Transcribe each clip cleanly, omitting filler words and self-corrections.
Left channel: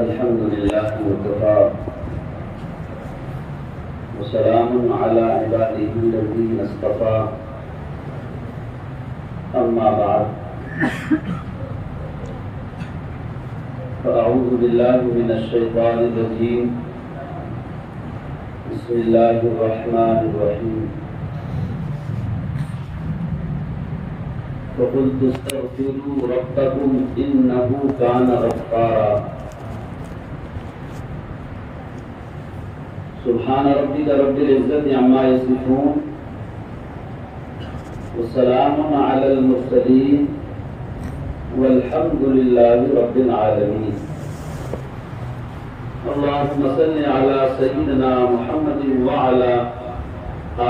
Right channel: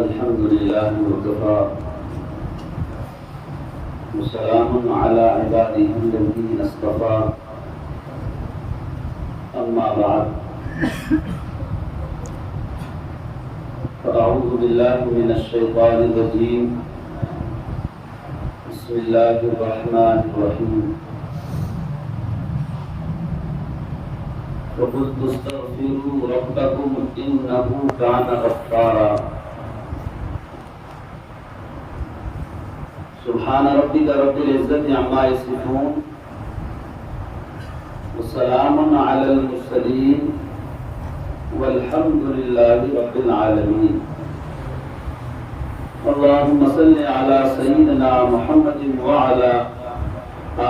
الحمد لله وكفى وسلام على عباده الذين اصطفى أما بعد فأعوذ بالله من الشيطان الرجيم بسم الله الرحمن الرحيم فقلت استغفروا ربكم إنه كان غفارا سبحان ربك رب العزة عما يصفون وسلام على المرسلين والحمد لله رب العالمين اللهم صل على سيدنا محمد وعلى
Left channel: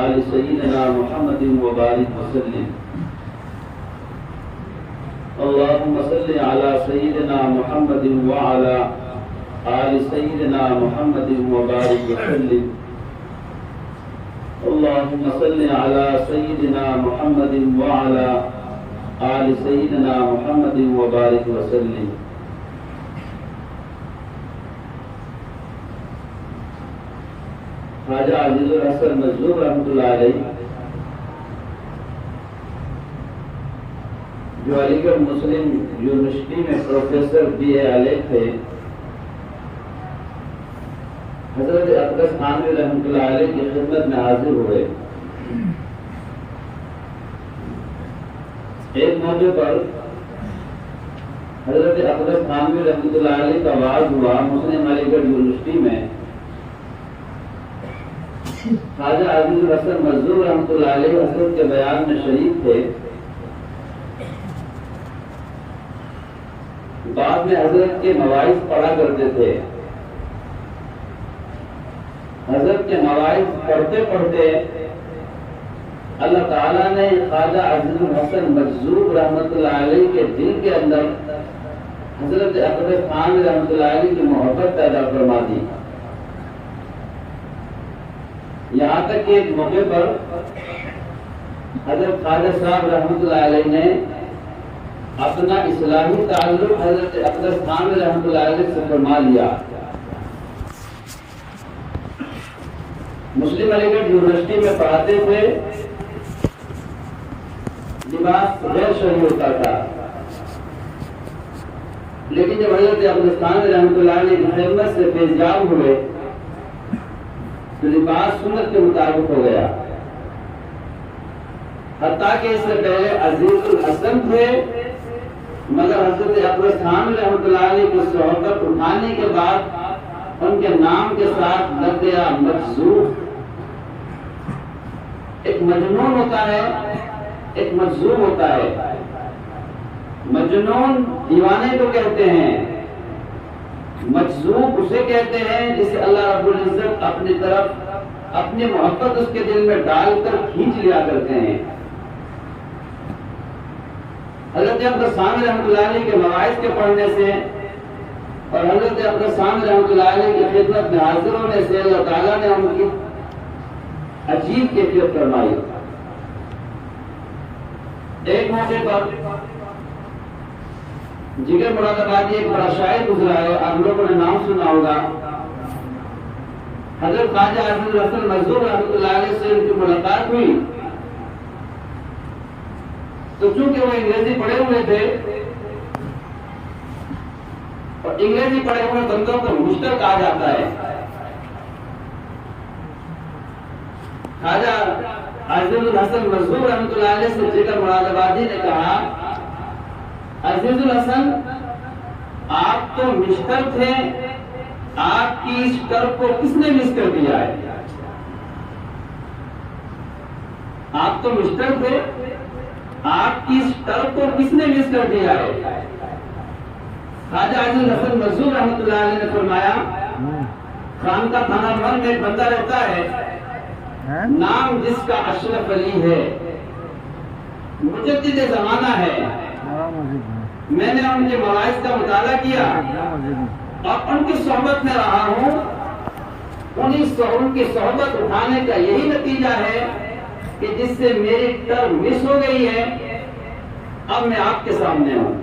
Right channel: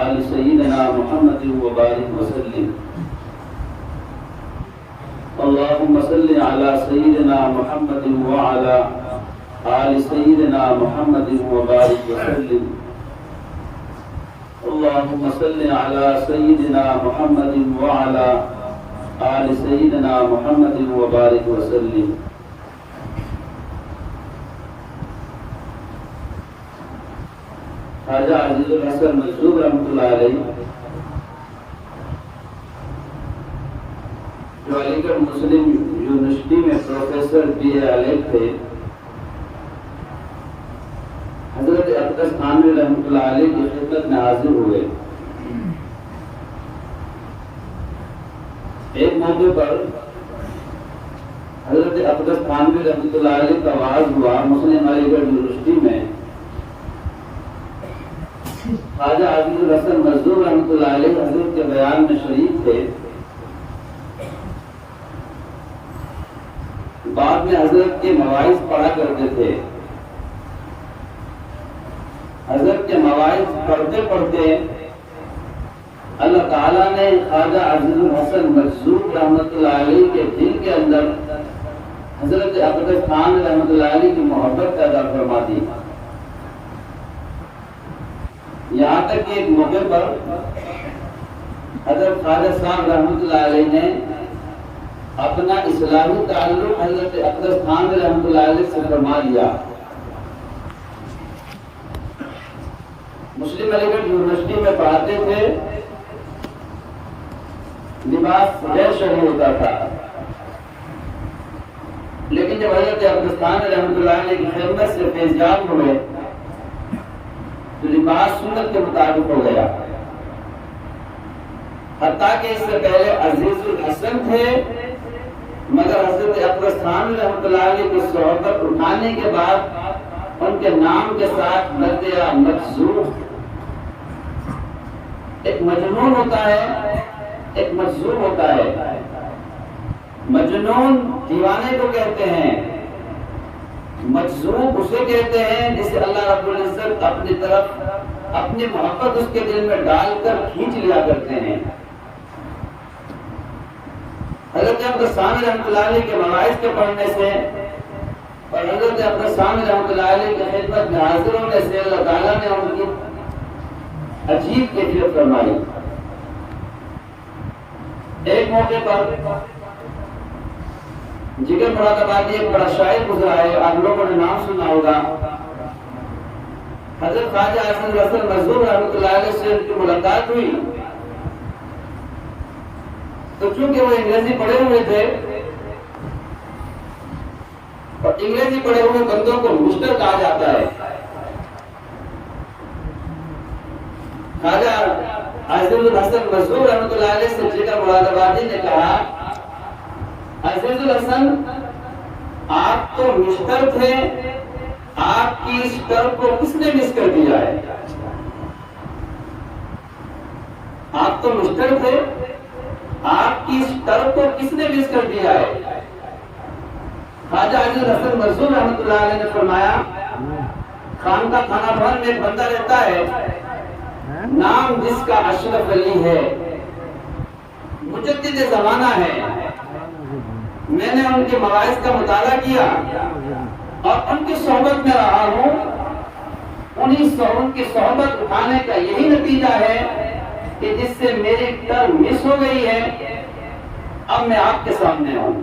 آل سيدنا محمد وبارك وسلم اللهم صل على سيدنا محمد وعلى آل سيدنا محمد وبارك وسلم اللهم صل على سيدنا محمد وعلى آل سيدنا محمد وبارك وسلم خواجہ عزیز الحسن مجذوب رحمۃ اللہ علیہ جو علی گڑھ مسلم یونیورسٹی میں پروفیسر BA الف تھے، حضرت اقدس تھانوی رحمۃ اللہ علیہ کی خدمت میں حاضر ہوئے۔ ایک موضوع پر حضرت اقدس تھانوی رحمۃ اللہ علیہ کا وعظ ہوا مسلم علی گڑھ یونیورسٹی میں۔ خواجہ عزیز الحسن مجذوب رحمۃ اللہ علیہ حضرت کے بیان میں شریک تھے۔ بعد میں حضرت کے مواعظ پڑھا کرتے تھے۔ حضرت کے مواعظ پڑھتے پڑھتے اللہ تعالیٰ نے خواجہ عزیز الحسن مجذوب رحمۃ اللہ علیہ کے دل کے اندر حضرت اقدس تھانوی رحمۃ اللہ علیہ کی محبت پیدا فرما دی۔ یہاں تک کہ ایک موقع پر حضرت خواجہ صاحب رحمۃ اللہ علیہ نے اپنا اصلاحی تعلق حضرت اقدس تھانوی رحمۃ اللہ علیہ سے فرما لیا۔ مسلم علی گڑھ یونیورسٹی میں پڑھاتے تھے، لباس غیر شرعی ہوتا تھا، لیکن جب حضرت اقدس تھانوی رحمۃ اللہ علیہ کی خدمت سے فیضیاب ہوئے تو لباس سنت کے مطابق ہو گیا۔ حتیٰ کہ اس سے پہلے عزیز الحسن تھے، مگر حضرت اقدس تھانوی رحمۃ اللہ علیہ کی صحبت اٹھانے کے بعد ان کے نام کے ساتھ لفظ مجذوب، ایک مجنون ہوتا ہے، ایک مجذوب ہوتا ہے۔ مجنون دیوانے کو کہتے ہیں، مجذوب اسے کہتے ہیں جسے اللہ رب العزت اپنی طرف اپنی محبت اس کے دل میں ڈال کر کھینچ لیا کرتے ہیں۔ حضرت اقدس تھانوی رحمۃ اللہ علیہ کے مواعظ کے پڑھنے سے اور حضرت اقدس تھانوی رحمۃ اللہ علیہ کی خدمت میں حاضر ہونے سے اللہ تعالیٰ نے ان کی عجیب کیفیت فرمائی۔ ایک موقع پر جگر مراد آبادی ایک بڑا شاعر گزرا ہے، آپ لوگوں نے نام سنا ہوگا۔ حضرت خواجہ عزیز الحسن مجذوب رحمۃ اللہ علیہ سے ان کی ملاقات ہوئی تو چونکہ وہ انگریزی پڑھے ہوئے تھے اور انگریزی پڑھے ہوئے بندوں کو مسٹر کہا جاتا ہے، خواجہ عزیز الحسن مجذوب رحمۃ اللہ علیہ سے جگر مراد آبادی نے کہا، عزیز الحسن آپ تو مسٹر تھے، آپ کی اس ٹر کو کس نے مس کر دیا ہے؟ آپ تو مسٹر تھے، آپ کی اس ٹر کو کس نے مس کر دیا ہے؟ خواجہ عزیز الحسن مجذوب رحمۃ اللہ علیہ نے فرمایا، خانقاہ تھانہ بھر میں ایک بندہ رہتا ہے، نام جس کا اشرف علی ہے، مجدد زمانہ ہے۔ میں نے ان کے مواعظ کا مطالعہ کیا اور ان کی صحبت میں رہا ہوں، ان کی صحبت اٹھانے کا یہی نتیجہ ہے کہ جس سے میری ٹر مس ہو گئی ہے، اب میں آپ کے سامنے ہوں۔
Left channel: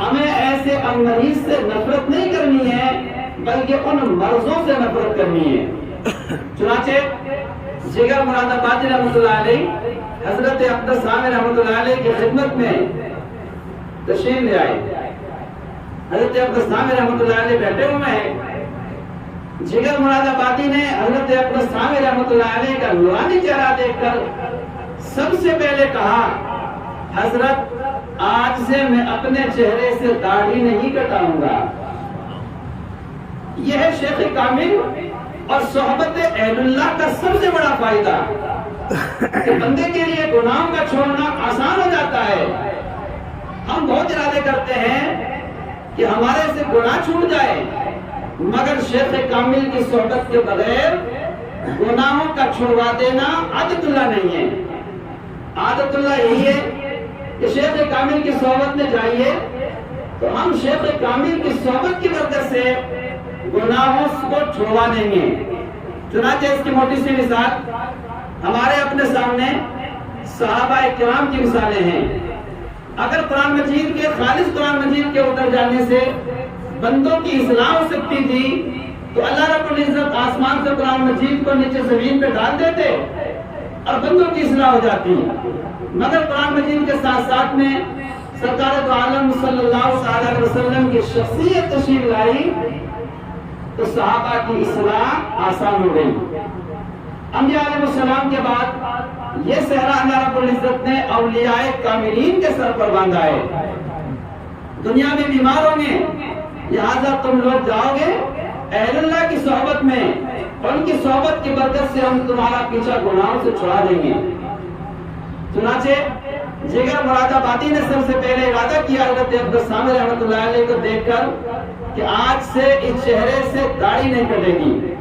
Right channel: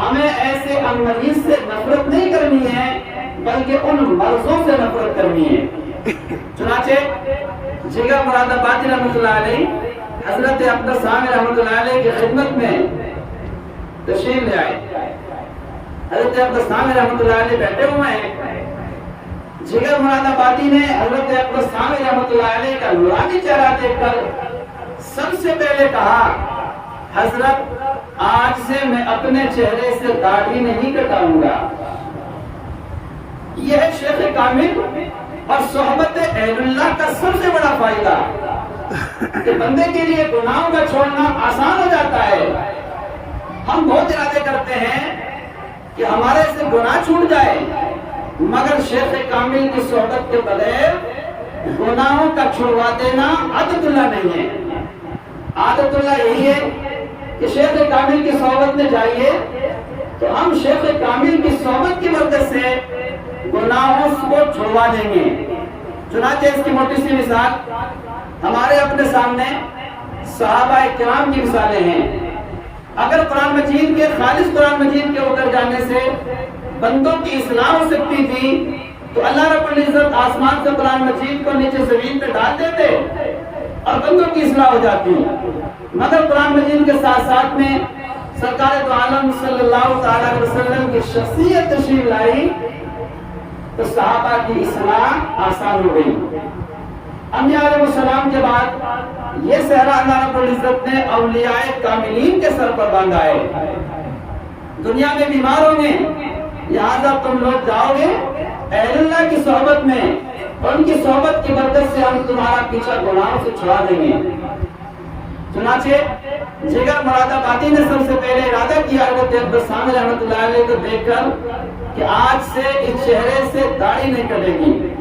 ہمیں ایسے مریض سے نفرت نہیں کرنی ہے بلکہ ان مرضوں سے نفرت کرنی ہے۔ چنانچہ جگر مراد آبادی رحمۃ اللہ علیہ حضرت اقدس ثانی رحمۃ اللہ علیہ کی خدمت میں تشریف لے آئے۔ حضرت اقدس ثانی رحمۃ اللہ علیہ بیٹھے ہوئے ہیں، جگر مراد آبادی نے حضرت اقدس ثانی رحمۃ اللہ علیہ کا نورانی چہرہ دیکھ کر سب سے پہلے کہا، حضرت آج سے میں اپنے چہرے سے داڑھی نہیں کٹاؤں گا۔ یہ ہے شیخ کامل اور صحبت اہل اللہ کا سب سے بڑا فائدہ کہ بندے کے لیے گناہوں کا چھوڑنا آسان ہو جاتا ہے۔ ہم بہت ارادے کرتے ہیں کہ ہمارے سے گناہ چھوٹ جائے، مگر شیخ کامل کی صحبت کے بغیر گناہوں کا چھڑوا دینا عادت اللہ نہیں ہے۔ عادت اللہ یہی ہے کہ شیخ کامل کی صحبت میں جائیے تو ہم شیخ کامل کی صحبت کی برکت سے گناہوں کو چھڑوا دیں گے۔ چنانچہ اس کی موٹی سی مثال ہمارے اپنے سامنے صحابہ کرام کی مثالیں ہیں۔ اگر قرآن مجید کے خالص قرآن مجید کے اتر جانے سے بندوں کی اصلاح ہو سکتی تھی تو اللہ رب العزت آسمان سے قرآن مجید کو نیچے زمین پہ ڈال دیتے اور بندوں کی اصلاح ہو جاتی، مگر قرآن مجید کے ساتھ ساتھ میں سرکار دو عالم صلی اللہ علیہ وسلم کی شخصیت تشریف لائی تو صحابہ کی اصلاح آسان ہو گئی۔ انبیاء علیہ السلام کے بعد یہ صحرا اللہ رب العزت نے اولیاء کاملین کے سر پر باندھا ہے۔ دنیا میں بیمار ہوں گے، لہٰذا تم لوگ جاؤ گے اہل اللہ کی صحبت میں، ان کی صحبت کی برکت سے ہم تمہارا پیچھا گناہوں سے چھڑا دیں گے۔ چنانچہ جگر مراد آبادی نے سب سے پہلے ارادہ کیا حضرت اقدس ثانی رحمۃ اللہ علیہ کو دیکھ کر کہ آج سے اس چہرے سے داڑھی نہیں کٹے گی۔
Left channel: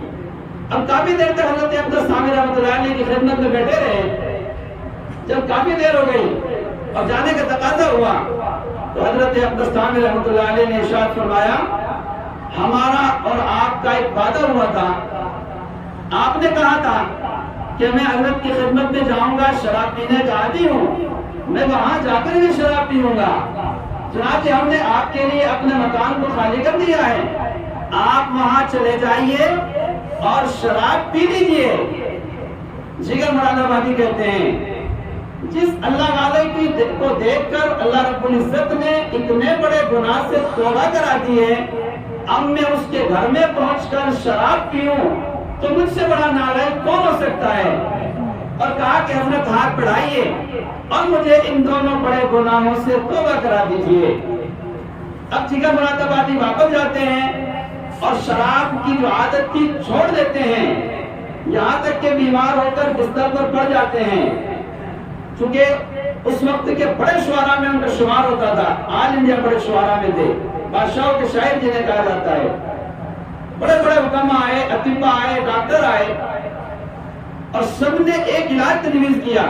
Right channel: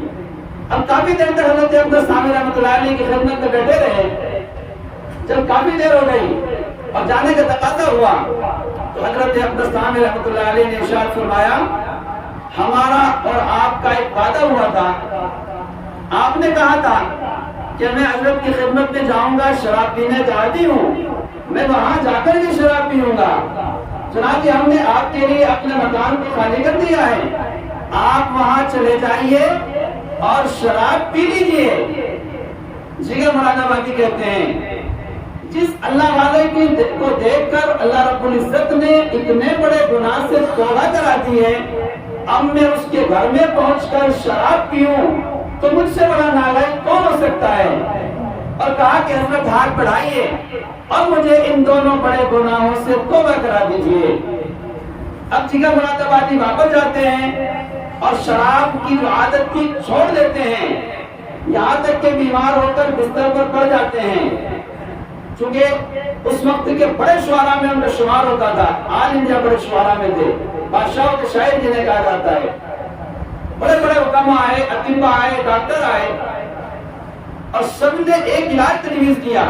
اب کافی دیر تک حضرت اقدس ثانی رحمۃ اللہ علیہ کی خدمت میں بیٹھے رہے۔ جب کافی دیر ہو گئی اور جانے کا تقاضا ہوا تو حضرت اقدس ثانی رحمۃ اللہ علیہ نے ارشاد فرمایا، ہمارا اور آپ کا ایک وعدہ ہوا تھا، آپ نے کہا تھا کہ میں حضرت کی خدمت میں جاؤں گا، شراب پینے کا عادی ہوں، میں وہاں جا کر بھی شراب پیوں گا۔ چنانچہ ہم نے آپ کے لیے اپنے مکان کو خالی کر دیا ہے، آپ وہاں چلے جائیے اور شراب پی لیجیے۔ جگر مراد آبادی کہتے ہیں جس اللہ والے کو دیکھ کر اللہ رب العزت نے اتنے بڑے گناہ سے توبہ کرا دی ہے، اب میں اس کے گھر میں پہنچ کر شراب پیوں تو مجھ سے بڑا نالائق کون ہو سکتا ہے؟ اور کہا کہ حضرت ہاتھ بڑھائیے اور مجھے ان دونوں بڑے گناہوں سے توبہ کرا دیجیے۔ اب جگر مراد آبادی واپس جاتے ہیں اور شراب کی جو عادت کی چھوڑ دیتے ہیں، یہاں تک کہ بیمار ہو کر بستر پر پڑ جاتے ہیں۔ چونکہ اس وقت کے بڑے شعراء میں ان کا شمار ہوتا تھا، آل انڈیا بڑے شعراء میں تھے، بادشاہوں کے شاعر جنہیں کہا جاتا ہے۔ بڑے بڑے حکما آئے، اطباء آئے، ڈاکٹر آئے اور سب نے ایک علاج تجویز کیا۔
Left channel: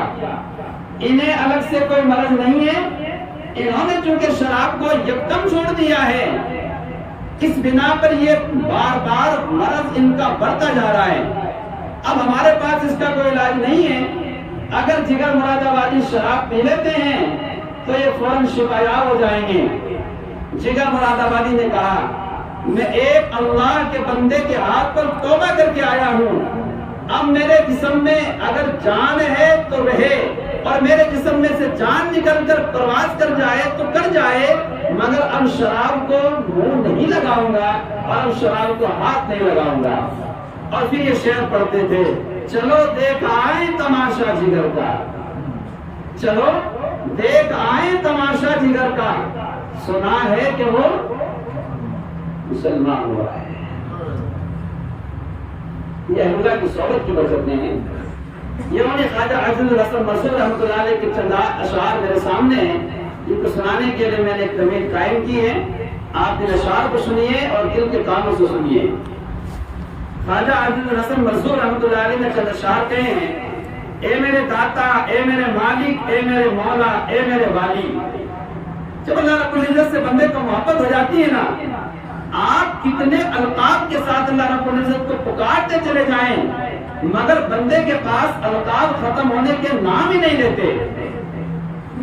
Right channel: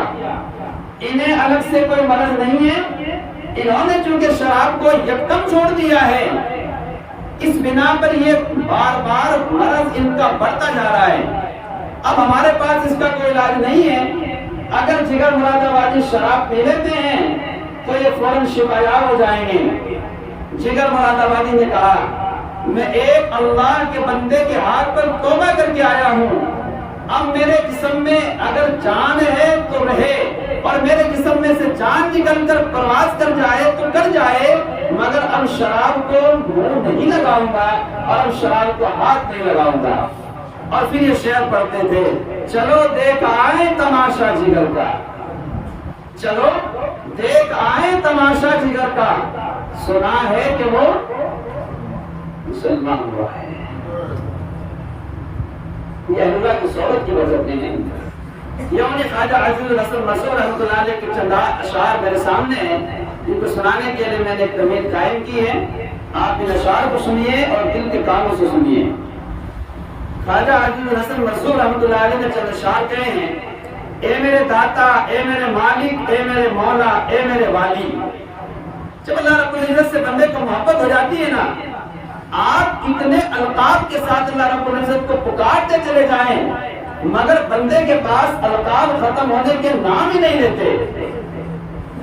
انہیں الگ سے کوئی مرض نہیں ہے، انہوں نے چونکہ شراب کو یکدم چھوڑ دیا ہے، اس بنا پر یہ بار بار مرض ان کا بڑھتا جا رہا ہے۔ اب ہمارے پاس اس کا کوئی علاج نہیں ہے، اگر جگر مراد آبادی شراب پی لیتے ہیں تو یہ فوراً شفا یاب ہو جائیں گے۔ جگر مراد آبادی نے کہا، میں ایک اللہ کے بندے کے ہاتھ پر توبہ کر کے آیا ہوں، اب میرے جسم میں اگر جان ہے تو رہے اور میرے جسم میں سے جان نکل کر پرواز کر جائے تو کر جائے، مگر اب شراب کو منہ نہیں لگاؤں گا اور اب شراب کو ہاتھ نہیں لگاؤں گا۔ اور پھر یہ شعر پڑھتے تھے، چلو دیکھ آئے تماشا جگر کا، چلو دیکھ آئے تماشا جگر کا، سنا ہے کہ وہ مسلمان ہوا ہے۔ یہ اللہ کی صحبت کی وجہ نہیں ہے۔ یہ خواجہ عزیز الحسن مسعود رحمۃ اللہ علیہ کے چند اشعار میرے سامنے ہیں، جن کو سنانے کے لیے میں نے ایک تمیز قائم کی ہے۔ آپ ان اشعار کو سنیے اور دل کے کانوں سے سنیے۔ خواجہ عزیز الحسن مسعود رحمۃ اللہ علیہ نے چند اشعار کہے ہیں، اے میرے داتا، اے میرے مالک، اے میرے مولا، اے میرے والی۔ جب اللہ رب العزت سے بندے کو محبت ہو جاتی ہے نا، آپ کتنے القاب کے ساتھ اللہ رب العزت کو پکارتے چلے جائیں مگر بندے کے پاس القاب ختم ہونے کے نام ہی نہیں لیتے۔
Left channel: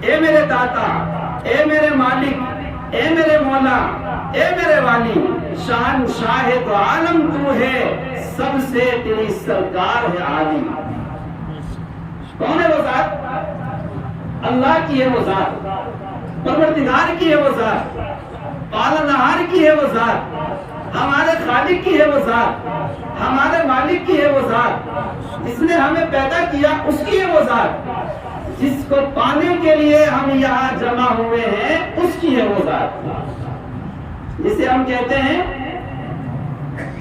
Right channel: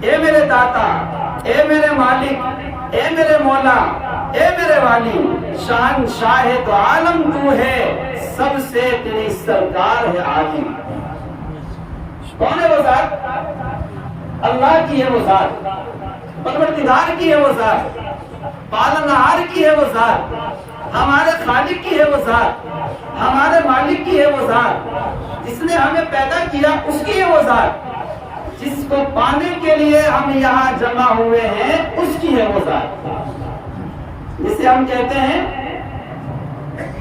اے میرے داتا، اے میرے مالک، اے میرے مولا، اے میرے والی، شان شاہ تو عالم تو ہے، سب سے تیری سرکار ہے عالی۔ کون ہے وہ ذات؟ اللہ کی ہے وہ ذات، پروردگار کی ہے وہ ذات، پالنہار کی ہے وہ ذات، ہمارے خالق کی ہے وہ ذات، ہمارے مالک کی ہے وہ ذات، جس نے ہمیں پیدا کیا اس کی ہے وہ ذات، جس کو پانے کے لیے ہم یہاں جمع ہوئے ہیں اس کی ہے وہ ذات، جسے ہم کہتے ہیں،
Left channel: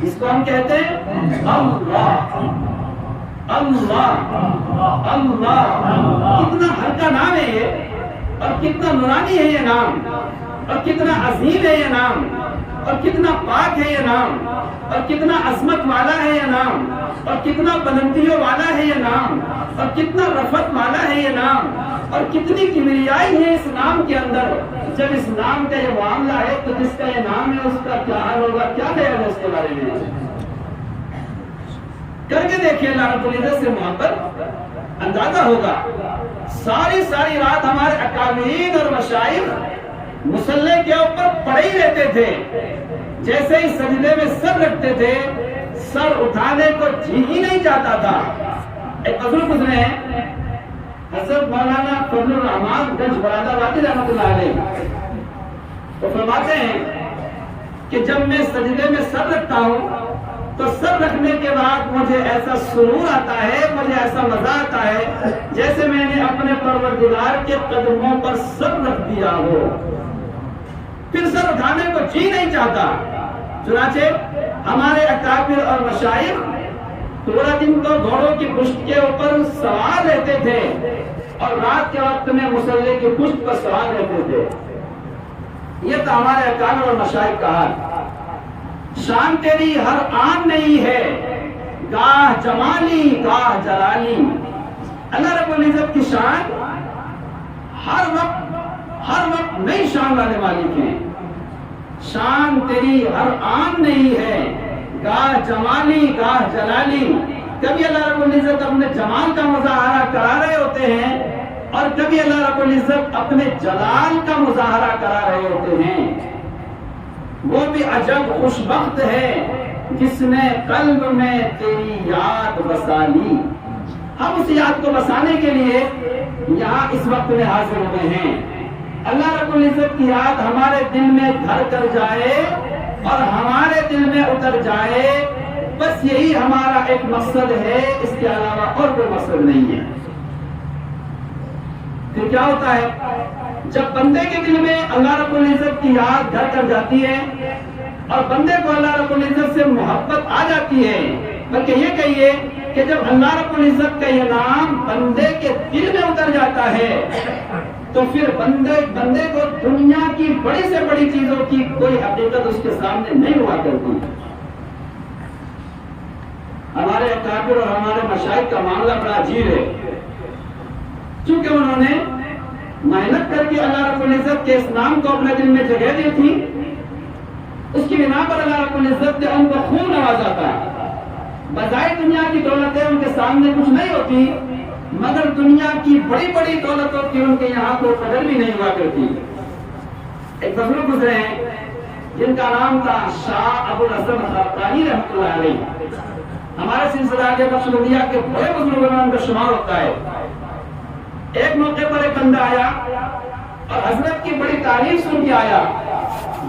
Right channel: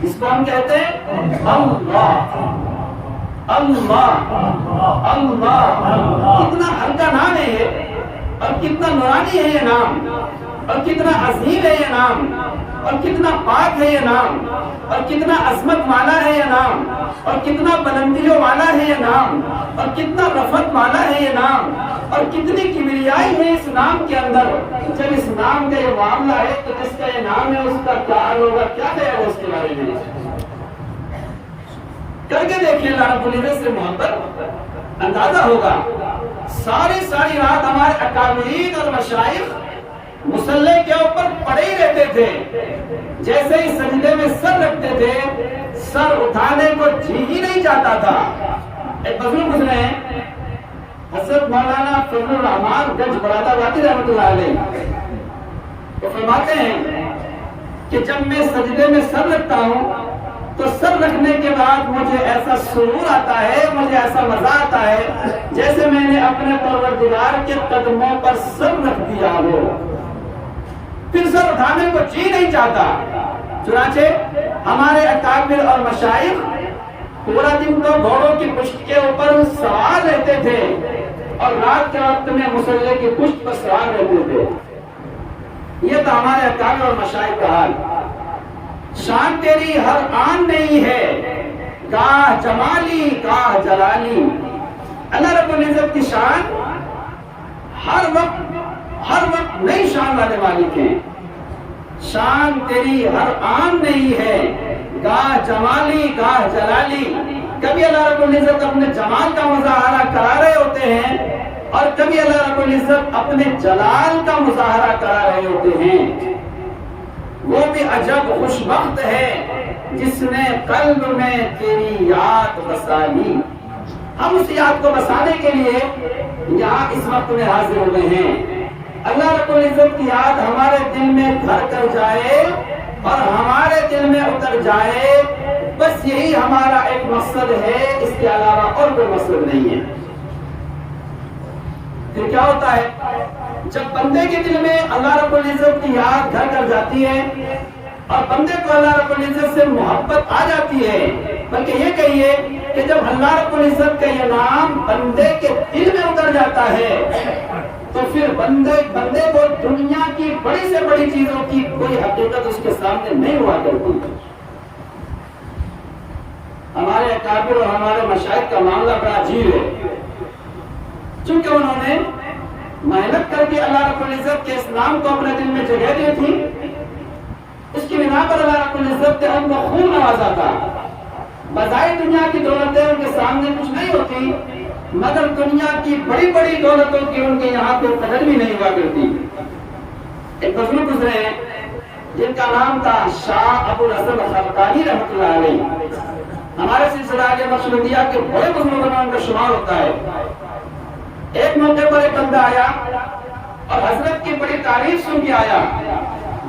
جس کو ہم کہتے ہیں اللہ، اللہ، اللہ۔ کتنا ہلکا نام ہے یہ، اور کتنا نورانی ہے یہ نام، اور کتنا عظیم ہے یہ نام، اور کتنا پاک ہے یہ نام، اور کتنا عظمت والا ہے یہ نام، اور کتنا بلندیوں والا ہے یہ نام، اور کتنا رفعت والا ہے یہ نام، اور کتنی کبریائی ہے اس نام کے اندر۔ جب اس نام کا یہ معاملہ ہے تو جس کا یہ نام ہے اس کا کیا حال ہوگا، کیا کہے گا اس کے بارے میں؟ کر کے دیکھیے اللہ رب العزت سے محبت، اندازہ ہوگا۔ ساری رات ہمارے اکابرین اور مشائخ مصلی کے اوپر پڑے ہی رہتے تھے، جیسے ہی سجدے میں سر رکھتے تھے سر اٹھانے کو جی ہی نہیں چاہتا تھا۔ ایک بزرگ گزرے ہیں حضرت مولانا فضل الرحمان گنج مراد آبادی رحمۃ اللہ علیہ، وہ فرماتے ہیں کہ جب میں سجدے میں سر رکھتا ہوں تو سر رکھنے کے بعد مجھے ایسا سرور آتا ہے، مجھے ایسا مزہ آتا ہے جیسے میں نے اپنے پروردگار کے قدموں پر سر رکھ دیا ہو، پھر سر اٹھانے کو جی نہیں چاہتا۔ چنانچہ ہمارے اکابر اور مشائخ پورا دن تو گھوڑوں کی پشت کے اوپر سوار رہتے تھے اور رات کے وقت میں مصلی کی پشت پر سوار رہتے تھے۔ یہ تو ہمارے اکابر اور مشائخ کا حال۔ شان تیری ہر آن نہیں ہے، گاہ جمالی گاہ جلالی۔ اللہ رب العزت کی شان ہر وقت نئی شان والے مالک ہیں۔ شان تیری ہر آن نہیں ہے، گاہ جمالی گاہ جلالی۔ کبھی اللہ رب العزت اپنے جمال کا مظاہرہ کرا رہے ہوتے ہیں اور کبھی اللہ رب العزت اپنے جلال کا مظاہرہ کرا رہے ہوتے ہیں۔ وہ بھی عجب خوش بخت ہے جس نے قلب میں تیری یاد بسا لی۔ ہم اس یاد کو بسانے کے لیے یہاں اس وقت میں حاضر ہوئے ہیں۔ اللہ رب العزت کی یاد ہمارے دل میں گھر کر جائے اور ہمارے دل میں اتر جائے، بس یہی ہمارا ایک مقصد ہے، اس کے علاوہ اور کوئی مقصد نہیں ہے۔ پھر کیا ہوتا ہے جب بندے کے دل میں اللہ رب العزت کی یاد گھر کر جاتی ہے اور بندے کو اللہ رب العزت سے محبت آ جاتی ہے، بلکہ یہ کہیے کہ جب اللہ رب العزت کا یہ نام بندے کے دل میں اتر جاتا ہے تو پھر بندے کو دنیا کی بڑی سے بڑی چیزوں کی کوئی حقیقت اس کے سامنے نہیں ہوا کرتی۔ ہمارے اکابر اور ہمارے مشائخ کا معاملہ بڑا عجیب ہے، چونکہ انہوں نے محنت کر کے اللہ رب العزت کے اس نام کو اپنے دل میں جگہ دی تھی، اس کی بنا پر اللہ رب العزت نے ان کو خوب نوازا تھا۔ بظاہر دنیا کی دولتیں ان کے سامنے کچھ نہیں ہوتی، مگر دنیا کی بڑی بڑی دولتوں کی ان کے یہاں تو قدر بھی نہیں ہوا کرتی۔ ایک بزرگ گزرے ہیں جن کا نام تھا شاہ ابو الحسن خرقانی رحمۃ اللہ علیہ، ہمارے سلسلہ کے نقشبندیہ کے بڑے بزرگوں میں ان کا شمار ہوتا ہے۔ ایک موقع پر ایک بندہ آیا اور حضرت کی بڑی تعریف سن کے آیا،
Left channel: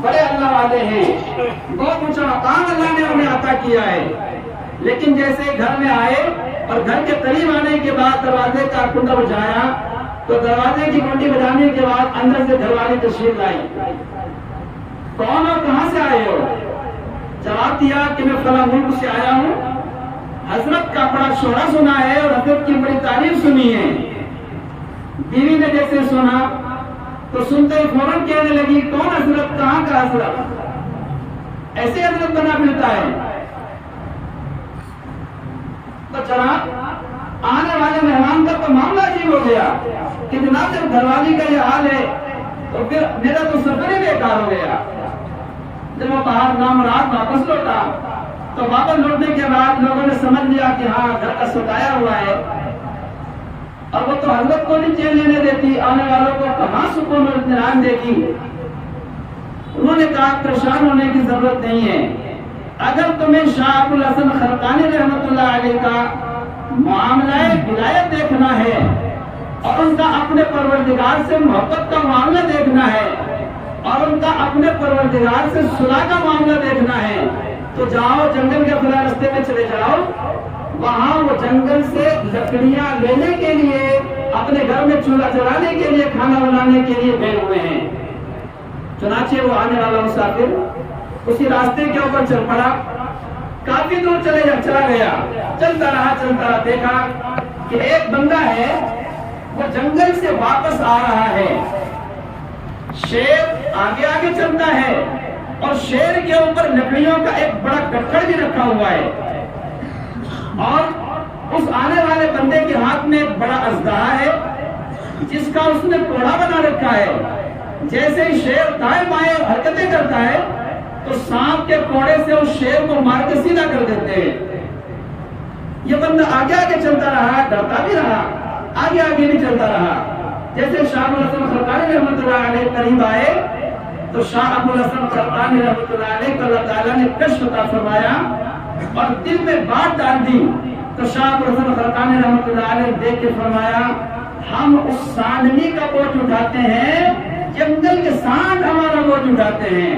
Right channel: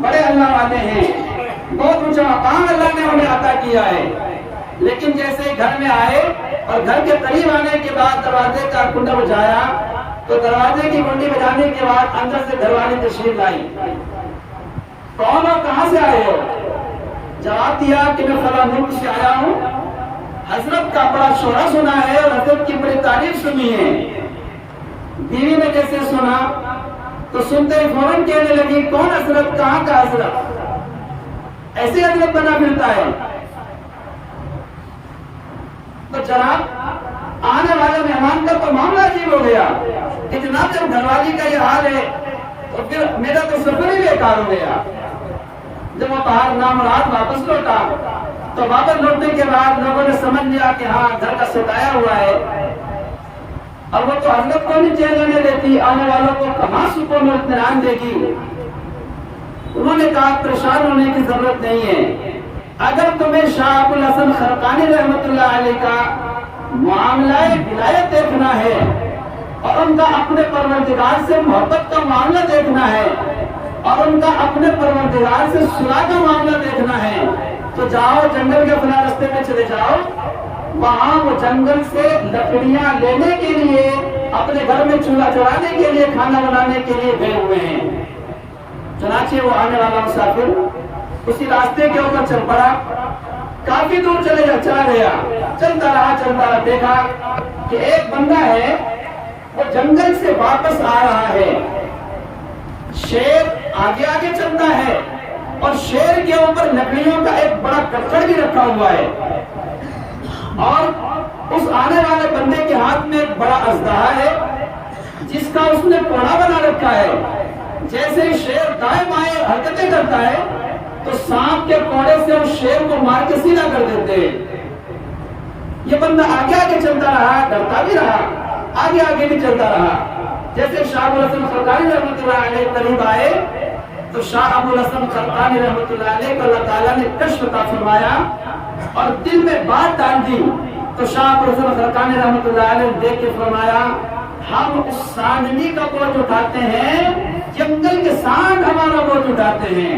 بڑے اللہ والے ہیں، بہت اونچا مقام اللہ نے انہیں عطا کیا ہے، لیکن جیسے گھر میں آئے اور گھر کے قریب آنے کے بعد دروازے کا کنڈا بجایا تو دروازے کی کنڈی بجانے کے بعد اندر سے گھر والی تشریف لائی۔ کون ہو، کہاں سے آئے ہو؟ جواب دیا کہ میں فلاں ملک سے آیا ہوں، حضرت کا بڑا شہرا سنا ہے اور حضرت کی بڑی تعریف سنی ہے۔ بیوی نے جیسے سنا تو سنتے ہی فوراً کہنے لگی، کون حضرت، کہاں کا حضرت، ایسی حضرت بنا پھرتا ہے؟ تو جناب آنے والے مہمان کا تو معاملہ عجیب ہو گیا کہ جناب جب گھر والی کا یہ حال ہے تو پھر میرا تو سفر ہی بیکار ہو گیا۔ جب وہ باہر نامراد واپس لوٹا تو واپس لوٹنے کے بعد لوگوں نے سمجھ لیا کہ ہاں گھر کا ستایا ہوا ہے، اور وہ تو حضرت کو نہیں چین لینے دیتی، آنے والوں کو کہاں سکون اور اطمینان دے گی۔ انہوں نے کہا پریشان ہونے کی ضرورت نہیں ہے، اگر تمہیں شاہ ابو الحسن خرقانی رحمۃ اللہ علیہ کا معاملہ ولایت دیکھنا ہے اور ان کا اپنے پروردگار سے محبت کا معاملہ دیکھنا ہے اور ان کا اپنے پروردگار سے صلح کا معاملہ دیکھنا ہے، تو جاؤ جنگل کے فلاں راستے میں چلے جاؤ، وہاں وہ جنگل سے لکڑیاں لینے کے لیے، اپنے گھر میں چولہا چلانے کے لیے، کھانا بنانے کے لیے گئے ہوئے ہیں۔ چنانچہ وہ آنے والا مسافر اسی راستے کے اوپر چل پڑا، کافی دور چلا گیا، چلتا رہا، دیکھا کہ ایک بندہ ہے وہ جنگل سے واپس آ رہا ہے، شیر آگے آگے چلتا ہے اور شیر کے اوپر لکڑیوں کا ایک بڑا کٹڑ بھی رکھا ہوا ہے، اور اس آنے والے بندے کے ہاتھ میں ایک بڑا اژدہا ہے جس کا اس نے کوڑا بنا رکھا ہے۔ جیسے شیر دائیں بائیں حرکتیں کرتا ہے تو سانپ کے کوڑے سے اس شیر کو مار کے سیدھا کر دیتے ہیں۔ یہ بندہ آگے آگے چلتا رہا، ڈرتا بھی رہا، آگے بھی چلتا رہا۔ جیسے شاہ ابو الحسن خرقانی رحمۃ اللہ علیہ قریب آئے تو شاہ ابو الحسن خرقانی رحمۃ اللہ علیہ کو اللہ تعالیٰ نے کشف عطا فرمایا اور دل میں بات ڈال دی، تو شاہ ابو الحسن خرقانی رحمۃ اللہ علیہ نے دیکھ کے فرمایا، ہم اس سانڈنی کا بوجھ اٹھاتے ہیں، جنگل کے سانڈ ہمارا بوجھ اٹھاتے ہیں،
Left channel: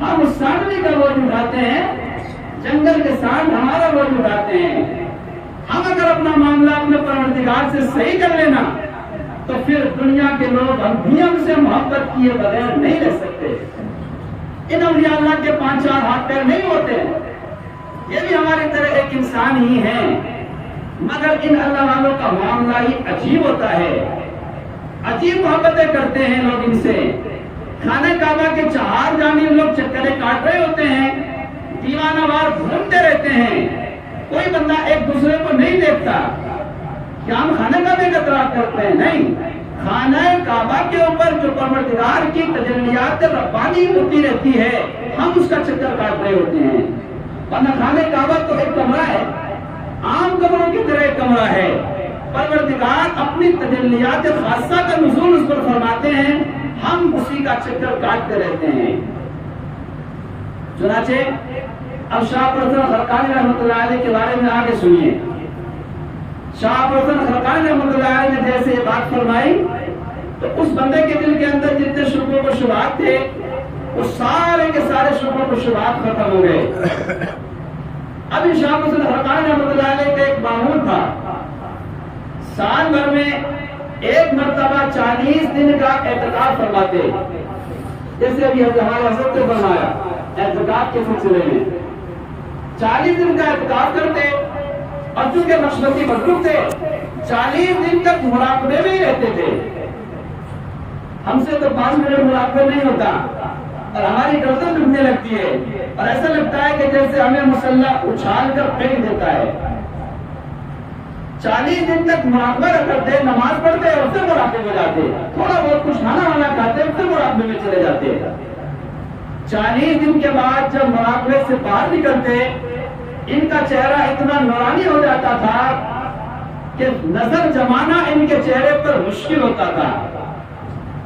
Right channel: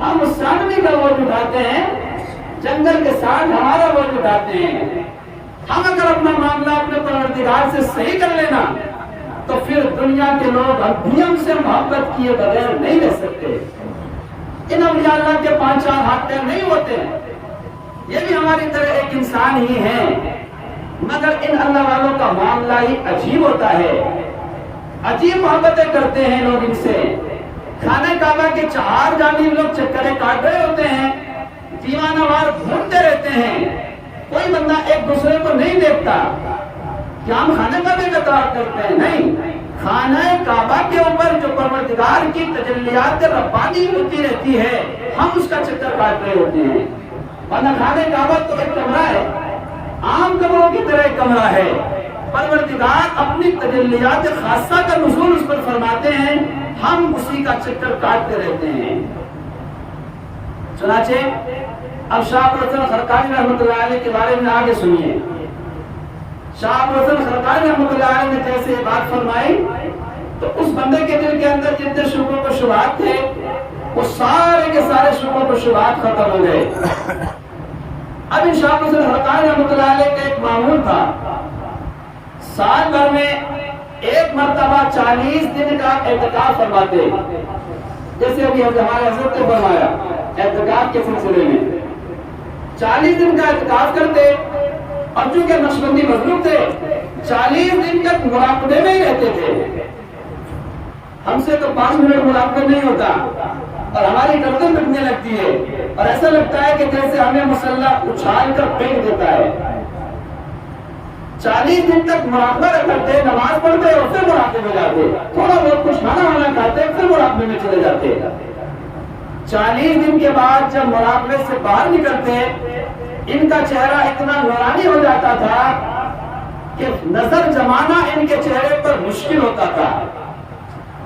ہم اس سانڈنی کا بوجھ اٹھاتے ہیں، جنگل کے سانڈ ہمارا بوجھ اٹھاتے ہیں۔ ہم اگر اپنا معاملہ اپنے پروردگار سے صحیح کر لینا تو پھر دنیا کے لوگ ہم سے محبت کیے بغیر نہیں رہ سکتے۔ ان اولیاء اللہ کے 5-4 ہاتھ پیر نہیں ہوتے، یہ بھی ہماری طرح ایک انسان ہی ہیں، مگر ان اللہ والوں کا معاملہ ہی عجیب ہوتا ہے، عجیب محبتیں کرتے ہیں لوگ ان سے۔ خانہ کعبہ کے 4 جانب لوگ چکریں کاٹ رہے ہوتے ہیں، دیوانہ وار گھومتے رہتے ہیں، کوئی بندہ ایک دوسرے کو نہیں دیکھتا۔ کیا ہم خانہ کعبہ کا طواف کرتے ہیں؟ نہیں، خانہ کعبہ کے اوپر جو پروردگار کی تجلیات ربانی ہوتی رہتی ہے، ہم اس کا چکر کاٹ رہے ہوتے ہیں، ورنہ خانہ کعبہ تو ایک کمرہ ہے، عام کمروں کی طرح ایک کمرہ ہے، پروردگار اپنی تجلیات خاصہ کا نزول اس پر فرماتے ہیں، ہم اسی کا چکر کاٹتے رہتے ہیں۔ چنانچہ اب شاہ ابو الحسن خرقانی رحمۃ اللہ علیہ کے بارے میں آگے سنیے۔ شاہ ابو الحسن خرقانی رحمۃ اللہ علیہ نے جیسے یہ بات فرمائی تو اس بندے کے دل کے اندر جتنے شبہات و شبہات تھے وہ سارے کے سارے شبہات و شبہات ختم ہو گئے۔ اب شاہ ابو الحسن خرقانی رحمۃ اللہ علیہ کا ایک معمول تھا، سال بھر میں ایک مرتبہ 40 دن کا اعتکاف فرماتے، جیسے ابھی ہمارے حضرت نے فرمایا اعتکاف کے سلسلے میں 40 دن کا اعتکاف کرتے، اور چونکہ نقشبندی مظلوم تھے 40 دن تک مراقبے میں ہی رہتے تھے۔ ہم سے تو 5 منٹ مراقبے نہیں ہوتا اور ہماری گردن دکھنے لگتی ہے اور ایسا لگتا ہے کہ جیسے ہمیں مسلح اچھال کر پھینک دیتا ہے۔ 40 دن تک مراقبہ کرتے، نماز پڑھتے اور پھر مراقبے میں جاتے، تھوڑا بہت کچھ کھانا وانا کھاتے پھر مراقبے میں چلے جاتے۔ 40 دن کے بعد جب مراقبے سے باہر نکلتے ان کا چہرہ اتنا نورانی ہو جاتا تھا کہ نظر جمانا ان کے چہرے پر مشکل ہوتا تھا۔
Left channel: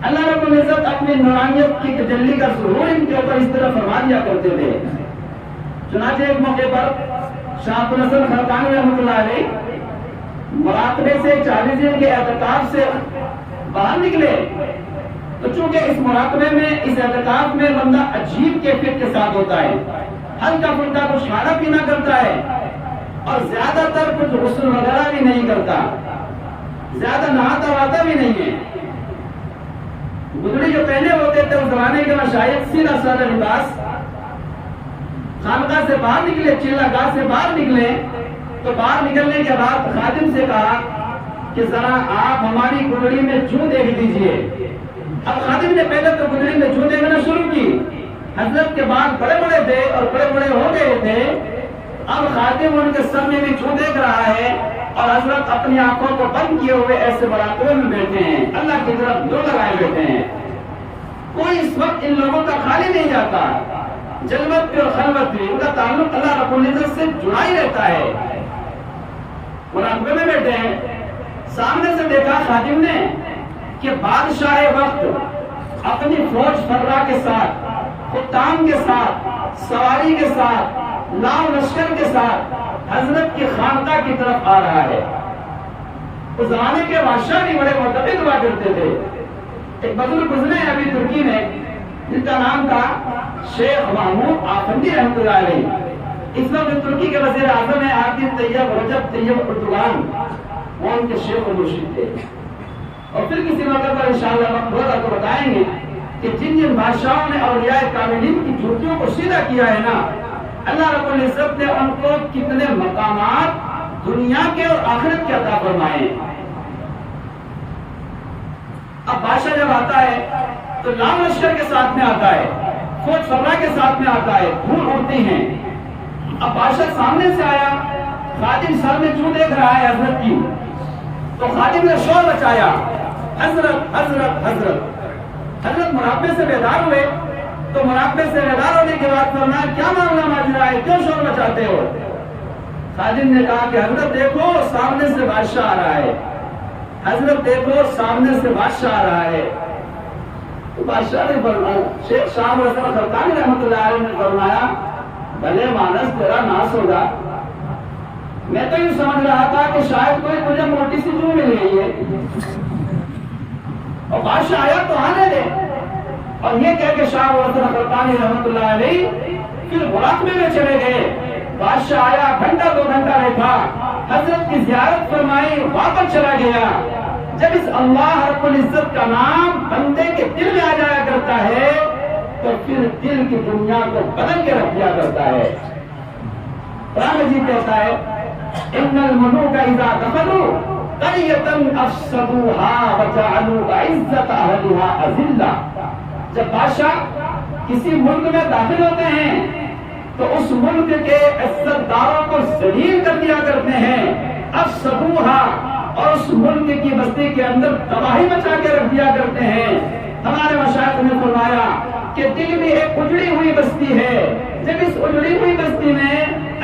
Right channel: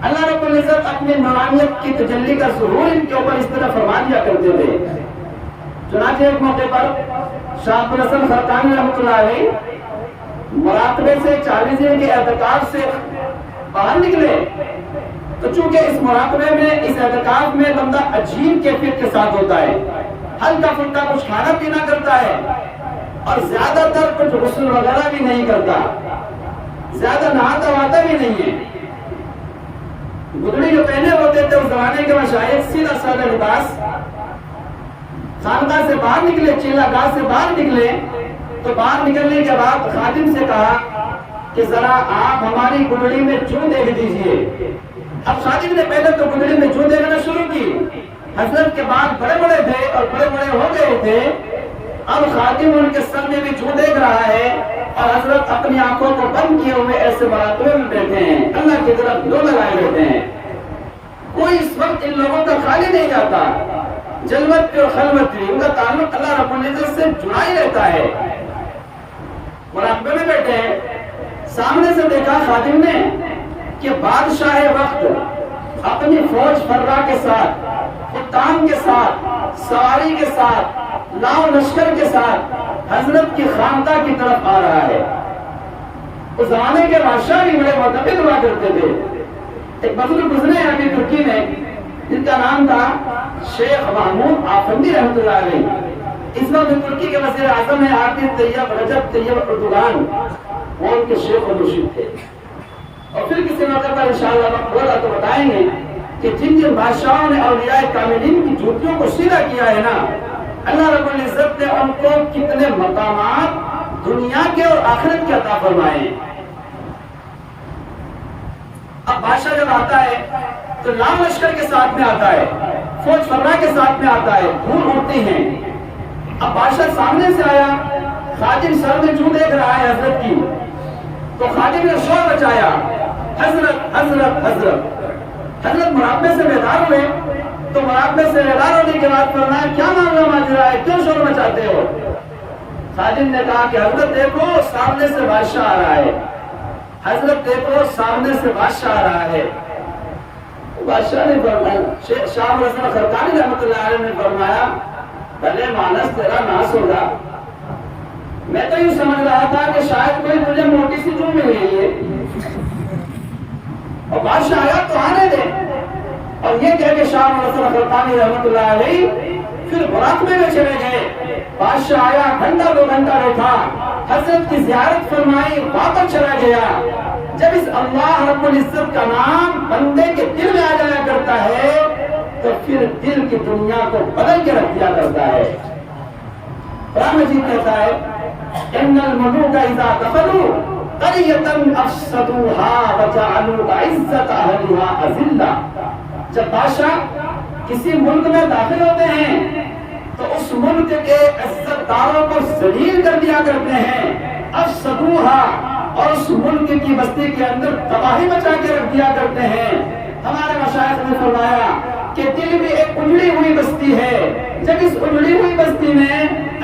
اللہ رب العزت اپنی نورانیت کی تجلی کا ظہور ان کے اوپر اس طرح فرما دیا کرتے تھے۔ چنانچہ ایک موقع پر شاہ ابو الحسن خرقانی رحمۃ اللہ علیہ مراقبے سے 40 دن کے اعتکاف سے باہر نکلے تو چونکہ اس مراقبے میں، اس اعتکاف میں بندہ عجیب کیفیت کے ساتھ ہوتا ہے، ہلکا پھلکا کچھ کھانا پینا کرتا ہے اور زیادہ تر کچھ غسل وغیرہ بھی نہیں کرتا، زیادہ نہاتا وہاتا بھی نہیں ہے۔ گدڑی جو پہنے ہوتے تھے اس زمانے کے مشائخ سیدھا سادہ لباس، خانقاہ سے باہر نکلے، چیلا گاہ سے باہر نکلے تو باہر نکلنے کے بعد خادم سے کہا کہ ذرا آپ ہماری گدڑی میں جوں دیکھ دیجئے۔ اب خادم نے پہلے تو گدڑی میں جوں دیکھنا شروع کی، حضرت کے بعد بڑے بڑے تھے اور بڑے بڑے ہو گئے تھے، اب خادم ان کے سر میں بھی جوں دیکھ رہا ہے اور حضرت اپنی آنکھوں کو بند کیے ہوئے ایسے مراقبے میں بیٹھے ہیں، اللہ کی طرف دل لگائے بیٹھے ہیں۔ کوئی اس وقت ان لوگوں کا خالی نہیں جاتا، جلوت بھی اور خلوت بھی، ان کا تعلق اللہ رب العزت سے جڑا ہی رہتا ہے۔ مراقبے میں بیٹھے ہیں، سامنے سے دیکھا خادم نے کہ بادشاہ وقت اپنی فوج فرا کے ساتھ، خطان کے ساتھ، سواری کے ساتھ، ناؤ لشکر کے ساتھ حضرت کی خانقاہ کی طرف آ رہا ہے۔ اس زمانے کے بادشاہ بھی بڑے معتقد ہوا کرتے تھے۔ ایک بزرگ گزرے ابھی ترکی میں جن کا نام تھا شیخ محمود آفندی رحمۃ اللہ علیہ۔ اس وقت ترکی کے وزیر اعظم ہیں عابد طیب رجب طیب اردوغان، وہ ان کے شیخ و مرشد تھے۔ اور پھر کسی موقع پر انشاءاللہ وقت ہوگا تو بتائیں گے کہ جن جن بادشاہوں نے اولیاء کاملین کی جوتیوں کو سیدھا کیا ہے نا، اللہ رب العزت نے ان کو کتنے مقامات دنیا کے اور آخرت کے عطا فرمائے۔ اب بادشاہ جب آتا ہے تو لام لشکر کے ساتھ میں آتا ہے، فوج فرا کے ساتھ میں آتا ہے، دھول اڑتی ہیں۔ اب بادشاہ سامنے سے آیا، خادم سر میں چوں دیکھ رہا ہے حضرت کی، تو خادم نے شور مچایا، حضرت حضرت حضرت۔ حضرت مراقبے سے بیدار ہوئے، تو مراقبے سے بیدار ہونے کے بعد فرمایا کیا معاملہ ماجرا ہے، کیوں شور مچاتے ہو؟ خادم نے کہا کہ حضرت دیکھو سامنے سے بادشاہ آ رہا ہے، حضرت دیکھو سامنے سے بادشاہ آ رہا ہے۔ بادشاہ نے فرمایا، شیخ شاہ حسن خرقانی رحمۃ اللہ علیہ نے فرمایا بھلے مانس تیرا ناس ہوگا، میں تو یہ سمجھ رہا تھا کہ شاید کوئی تجھے موٹی سی چیز مل گئی ہے، اور بادشاہ آیا تو آنے دے۔ اور یہ کہہ کہ شاہ حسن خرقانی رحمۃ اللہ علیہ پھر مراقبے میں چلے گئے۔ بادشاہ آیا، گھنٹہ دو گھنٹہ بیٹھا، حضرت کی زیارت فرمائی، واپس چلا گیا۔ جب اس اللہ رب العزت کا نام بندے کے دل میں آ جایا کرتا ہے تو پھر دل کی دنیا کو بدل کے رکھ دیا کرتا ہے۔ قرآن مجید کہتا ہے ان الملوک اذا دخلوا قرية افسدوها وجعلوا عزة اهلها اذلة۔ جب بادشاہ کسی ملک میں داخل ہوتے ہیں تو اس ملک کے عزت داروں کو ذلیل کر دیا کرتے ہیں، افسدوها، اور اس ملک کی بستی کے اندر تباہی مچا کے رکھ دیا کرتے ہیں۔ ہمارے مشائخ نے فرمایا کہ دل بھی ایک اجڑی ہوئی بستی ہے، جب اس اجڑی ہوئی بستی میں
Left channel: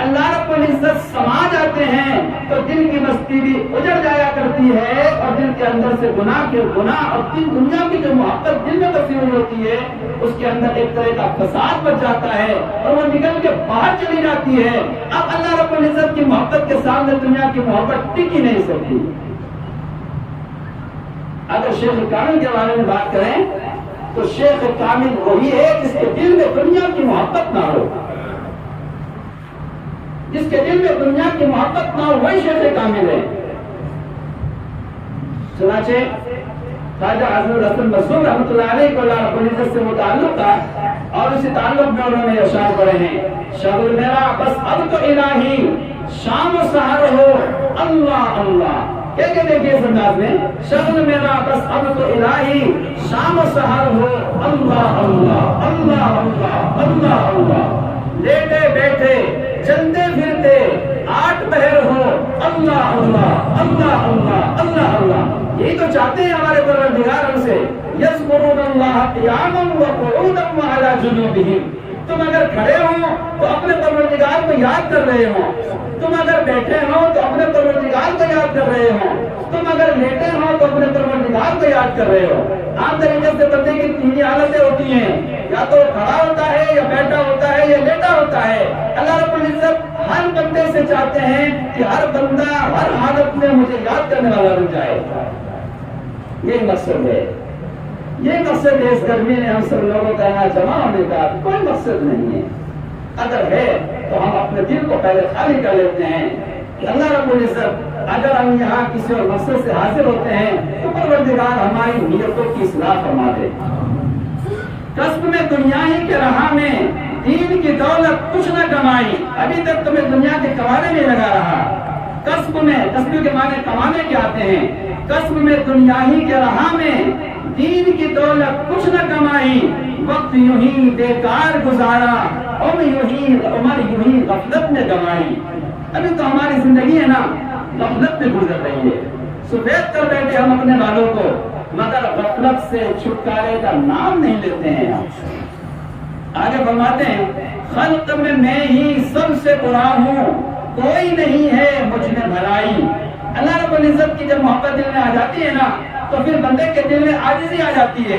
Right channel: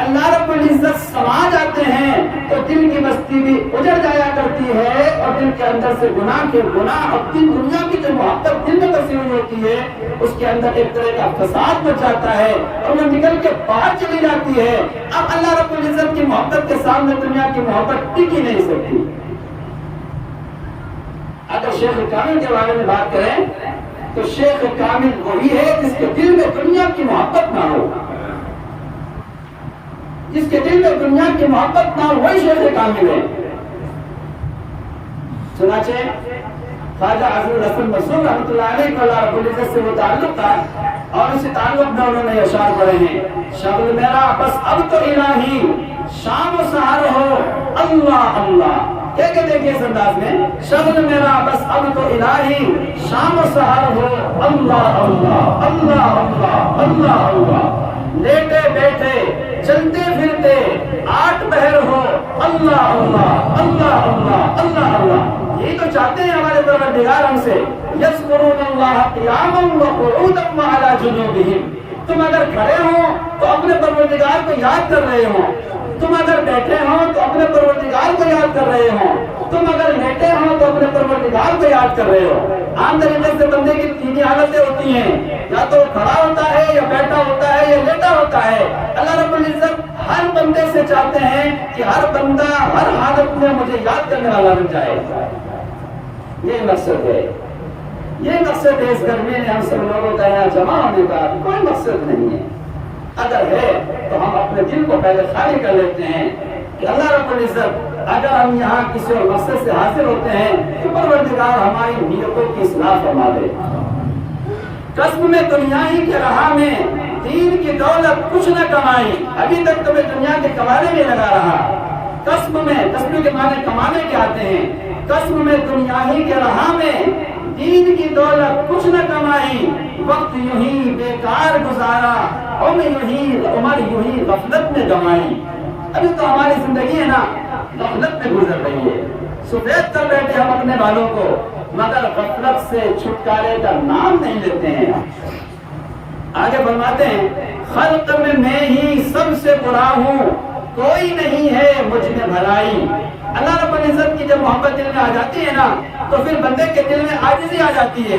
اللہ رب العزت سما جاتے ہیں تو دل کی بستی بھی اجڑ جایا کرتی ہے، اور دل کے اندر سے گناہ کے گناہ اور دل دنیا کی جو محبت دل میں بسی ہوئی ہوتی ہے اس کے اندر ایک طرح کا فساد بچ جاتا ہے اور وہ نکل کے باہر چلی جاتی ہے۔ اب اللہ رب العزت کی محبت کے سامنے دنیا کی محبت ٹک ہی نہیں سکتی۔ اگر شیخ کامل کے بارے میں بات کریں تو شیخ کامل وہی ہے جس کے دل میں دنیا کی محبت نہ ہو، جس کے دل میں دنیا کی محبت نہ ہو وہی شیخ کامل ہے۔ چنانچہ خواجہ عزیز الحسن مسعود رحمۃ اللہ علیہ کو اللہ رب العزت سے متعلق تھا، اور اسی تعلق میں انہوں نے اشعار پڑھے ہیں، شغل میرا بس اب تو الہی شام و سحر ہو اللہ اللہ۔ کیا کہتے ہیں کہ اس انداز میں شغل میرا بس اب تو الہی شام و سحر ہو اللہ اللہ اللہ اللہ اللہ اللہ۔ لیٹے بیٹھے چلتے پھرتے آٹھ پہر ہو اللہ اللہ اللہ اللہ اللہ اللہ۔ یہی تو چاہتے ہیں ہمارے پروردگار ہم سے، یذکرون اللہ قیاما وقعودا وعلی جنوبہم۔ تم اگر کھڑے ہو تو اپنے پروردگار کو یاد کر رہے ہو، تم اگر بیٹھے ہو تو اپنے پروردگار کو یاد کر رہے ہو، تم اگر لیٹے ہو تو اپنے پروردگار کو یاد کر رہے ہو۔ عام طریقے سے بندے کی تین حالتیں ہوتی ہیں، یا تو کھڑا ہوتا ہے یا بیٹھا ہوتا ہے یا لیٹا ہوتا ہے۔ اللہ رب العزت ہر بندے سے چاہتے ہیں کہ ہر بندہ ہر حالت میں مجھے یاد کرنے والا بن جائے۔ یہ مقصد ہے، یہ مقصد ہے۔ اس گرمی میں ہم سب لوگوں کا یہاں جمع ہونے کا کوئی مقصد نہیں ہے۔ اگر ہے تو ہم اپنے دل کو پہلے خالی کر لیتے ہیں کہ اللہ رب العزت اگر ہم یہاں کسی اور مقصد سے حاضر ہوتے ہیں تو پروردگار ہماری نیتوں کی اصلاح فرما دے۔ کسب میں دنیا ہی کے راہ میں دین کی دولت کچھ نہ کمائی، ابھی تک تمہیں دنیا کے کمانے میں لگا رہا۔ کسب میں، کسب کے معنی کمانے کے آتے ہیں، کسب میں دنیا ہی کے راہ میں دین کی دولت کچھ نہ کمائی، وقت یوں ہی بیکار گزارا، عمر یوں ہی غفلت میں گنوائی۔ ابھی تو ہماری زندگی ہے نا غفلت میں گزر رہی ہے، سفید کر بیٹھے ہم اپنے بالوں کو، مگر غفلت سے چھٹکارے کا نام نہیں لیتے ہیں۔ آگے فرماتے ہیں خلق میں ہی سب سے برا ہوں، کوئی نہیں ہے مجھ میں بھلائی، اللہ رب العزت کی جب محبت دل میں آ جاتی ہے نا تو پھر بندے کے دل میں عاجزی آ جاتی ہے.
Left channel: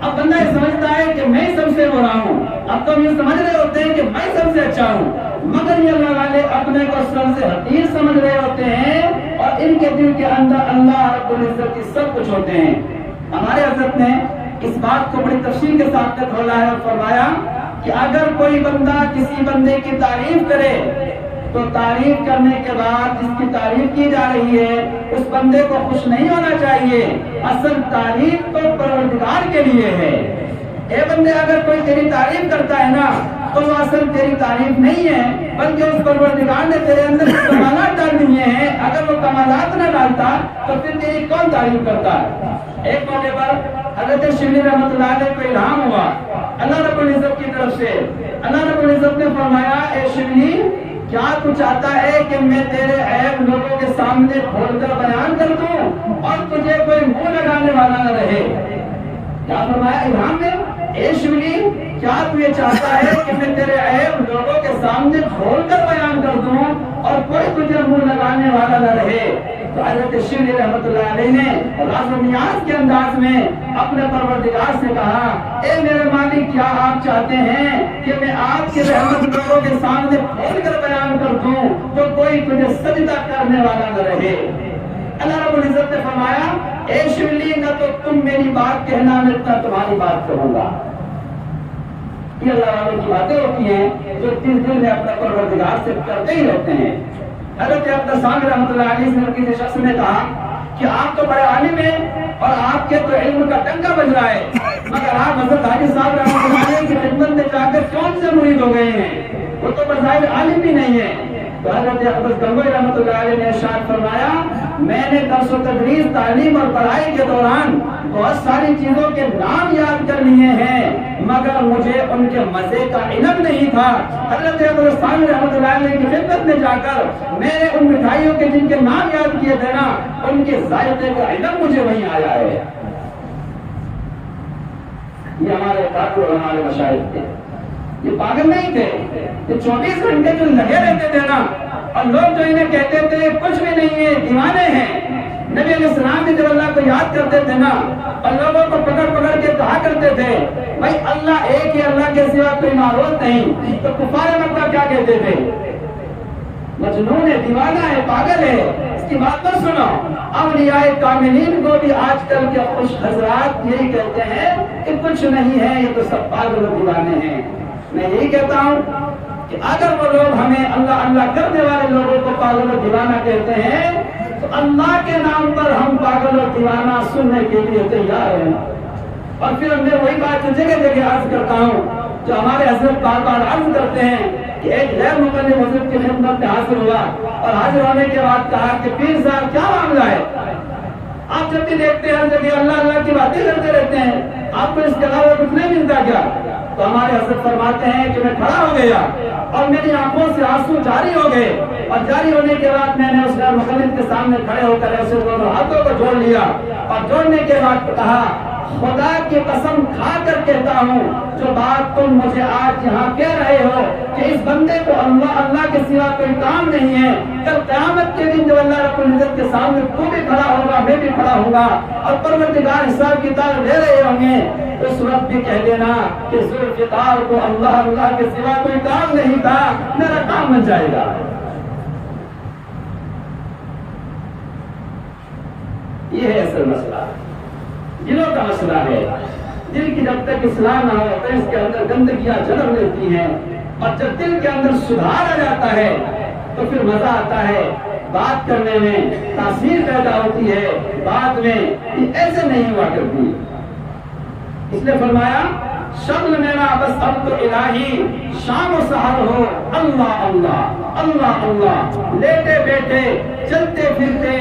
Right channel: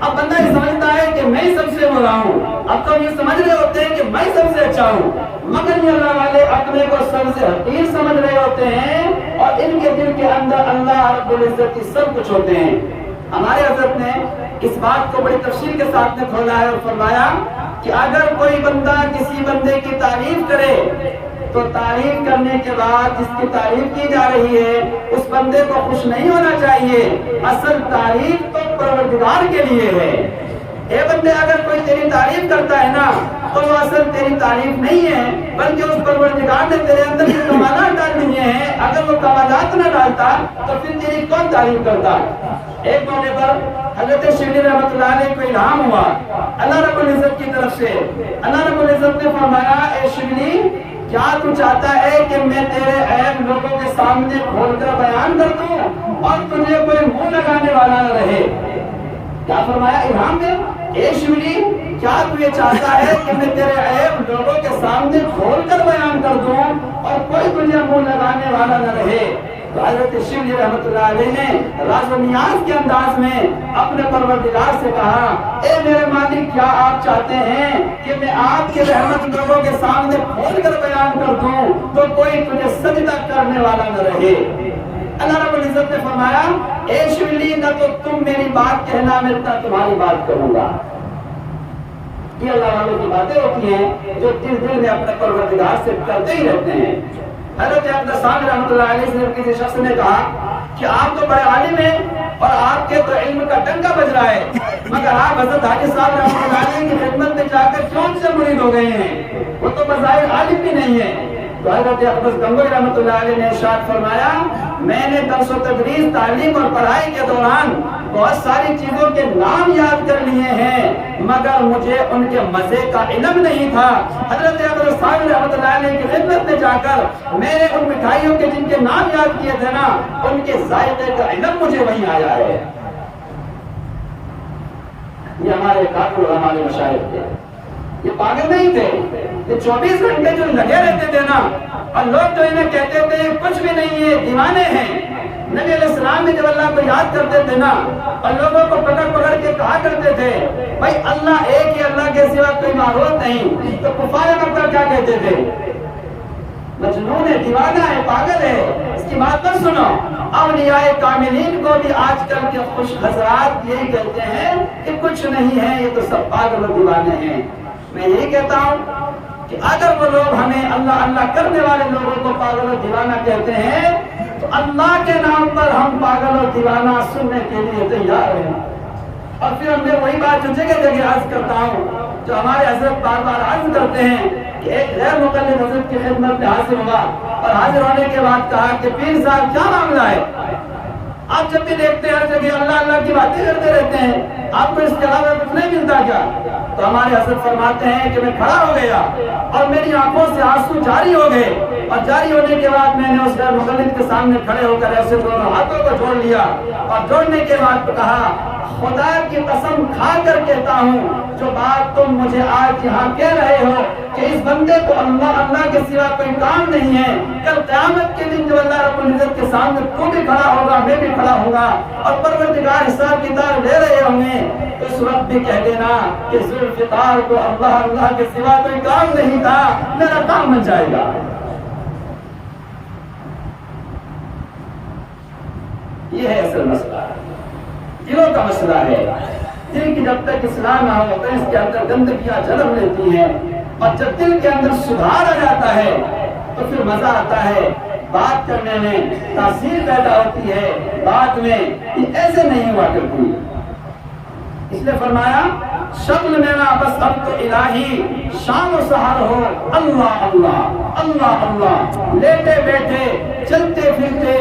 اب بندہ یہ سمجھتا ہے کہ میں سب سے ہو رہا ہوں. اب تو ہم یہ سمجھ رہے ہوتے ہیں کہ میں سب سے اچھا ہوں, مگر یہ اللہ والے اپنے کو سب سے حقیر سمجھ رہے ہوتے ہیں اور ان کے دل کے اندر اللہ رب العزت کی سب کچھ ہوتے ہیں. ہمارے حضرت نے اس بات کو بڑی تفصیل کے ساتھ کھولا ہے اور فرمایا کہ اگر کوئی بندہ کسی بندے کی تعریف کرے تو تعریف کرنے کے بعد جس کی تعریف کی جا رہی ہے اس بندے کو خوش نہیں ہونا چاہیے. اصل تعریف تو پروردگار کے لیے ہے. اے بندے اگر کوئی تیری تعریف کرتا ہے نا تو وہ اصل تیری تعریف نہیں ہے بلکہ اس پروردگار نے تیرے اندر کمالات ڈال دیے ہیں. اگر وہ کمالات نہ ڈالتا تو پھر تیری کون تعریف کرتا ہے. ایک موقع پر حضرت شبلی رحمۃ اللہ علیہ کو الہام ہوا اللہ رب العزت کی طرف سے. اللہ رب العزت نے فرمایا اے شبلی کیا تو چاہتا ہے کہ میں تیرے عیب لوگوں کے سامنے کھول کر بیان کر دوں اور تجھے کوئی منہ لگانے والا نہ رہے. کیا فرمایا الہام میں اے شبلی کیا تو یہ چاہتا ہے کہ میں تیرے عیب لوگوں کے سامنے کھول کر بیان کر دوں اور کوئی تجھے منہ لگانے والا نہ رہے. تو حضرت شبلی رحمۃ اللہ علیہ نے راز و نیاز کے انداز میں اپنے پروردگار سے کہا اے میرے مالک کیا آپ چاہتے ہیں کہ میں آپ کے رحمت لوگوں کے سامنے کھول کر بیان کر دوں تو کوئی تجھے سجدہ کرنے والا نہ رہے. اللہ رب العزت نے فرمایا اے شبلی نہ تو تم میری بات کہنا میں نہ تمہاری بات کہوں گا. یہ اللہ والوں کی باتیں ہوتی ہیں جو دل میں اپنے پروردگار سے کرتے ہی رہتے ہیں. حضرت اقدس رحمۃ اللہ علیہ سے کسی شخص نے کہا کہ آپ تو بڑے عالم ہیں اور آپ کے تو علم کا ڈنکا بج رہا ہے مگر آپ حضرت حاجی صاحب رحمۃ اللہ علیہ کی خدمت میں جا کر کون سے مرید ہو گئے ہیں, وہ تو بظاہر عالم بھی نہیں ہے. تو حضرت اقدس گنگوئی رحمۃ اللہ علیہ نے ارشاد فرمایا میں نے درس و تدریس تعلیم اور پڑھائی کے دوران بہت ساری چیزوں کے نام یاد کر لیے ہیں مگر مجھے ان کے مزے کا علم نہیں تھا. حضرت اقدس رحمۃ اللہ علیہ کی خدمت میں جا کر میں نے ان مٹھائیوں کے جن کے نام یاد کیے تھے نا ان کے ذائقے کا علم مجھے وہیں آیا ہے. یہ ہمارے کاکو اور ہمارے مشاہد تھے, یہ پاگل نہیں تھے, یہ 24 گھنٹے جو لگے رہتے تھے نا اور لوگ جو انہیں کہتے تھے کچھ بھی نہیں ہے دیوانے ہیں. نبی علیہ السلام بھی جب اللہ کو یاد کرتے تھے نا اور لوگوں کو پکڑ پکڑ کے کہا کرتے تھے بھائی اللہ ایک ہی, اللہ کے سوا کوئی معبود نہیں, تو کفار مکہ کیا کہتے تھے مجنون ہے, دیوانہ ہے, پاگل ہے, اس کی بات نہ سنو. اولیاء کاملین کو بھی آج کل کے خوش حضرات یہی کہتے ہیں کہ کچھ نہیں ہے, یہ تو سب پاگل و دیوانے ہیں. میں یہی کہتا ہوں کہ اگر وہ لوگ ہمیں اللہ اللہ کرنے والے لوگوں کو پاگل و دیوانہ کہتے ہیں تو اللہ کے نام پر ہم پاگل و دیوانہ سننے کے لیے تیار ہیں. اور پھر میں وہی بات جو جگہ جگہ عرض کرتا ہوں جو ہمارے حضرت بار بار عرض کرتے ہیں کہ ایک غیر مقلد حضرت کی خدمت میں حاضر ہوا اور حاضر ہونے کے بعد کہا کہ پیر صاحب کیا معاملہ ہے, آپ جب بھی دیکھتے ہیں جب اللہ اللہ کی باتیں کرتے رہتے ہیں آپ کو اس کے علاوہ کچھ نہیں ملتا کیا. تو ہمارے حضرت فرماتے ہیں کہ میں کھڑا ہو گیا اور میری آنکھوں سے آنسو جاری ہو گئے اور جاری ہونے کے بعد میں نے اس غیر مقلد کے سامنے کھڑے ہو کر ایسے دونوں ہاتھوں کو جوڑ لیا اور جوڑنے کے بعد کہا خدا کی قسم کھا کر کہتا ہوں جو بات تم مجھے آج یہاں کہہ رہے ہو کہ اس بندے کو اللہ اللہ کے سوا کوئی کام نہیں ہے, کل قیامت کے دن جب اللہ رب العزت کے سامنے تو بھی کھڑا ہوگا میں بھی کھڑا ہوں گا اور پروردگار حساب کتاب دے رہے ہوں گے اس وقت بھی کہہ دینا کہ ذوالفقار کو اللہ اللہ کے سوا کوئی کام نہیں تھا, میرا کام بن جائے گا. یہ ہے اصل مسئلہ, دلوں کا مسئلہ ہے. دل کی جب تک اصلاح نہ ہو تو اس کے اندر گندگیاں جنم لیتی ہیں اور جب دل کے اندر سدھار آ جاتا ہے تو پھر مزہ آتا ہے بات کرنے میں, تاثیر پیدا ہوتی ہے بات میں. یہ ایسے نہیں ہوا کرتی. اس نے فرمایا شکل میرا بس اب تو الہی شام و سحر ہو اللہ اللہ اللہ اللہ, لیٹے بیٹھے چلتے پھرتے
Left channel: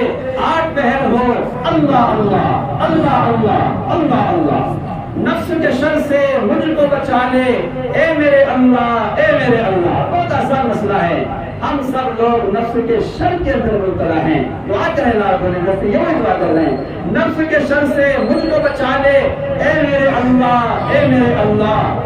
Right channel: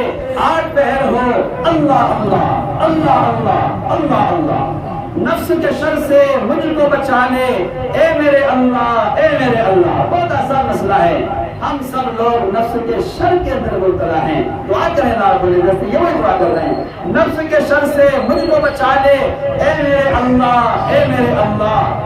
آٹھ پہر ہو اللہ اللہ اللہ اللہ اللہ اللہ. نفس کے شر سے مجھ کو بچا لے اے میرے اللہ اے میرے اللہ. بہت آسان مسئلہ ہے, ہم سب لوگ نفس کے شر کے اندر مبتلا ہیں. دعا کریں اللہ رب العزت سے, یہ وہی دعا کر رہے ہیں نفس کے شر سے مجھ کو بچا لے اے میرے اللہ اے میرے اللہ.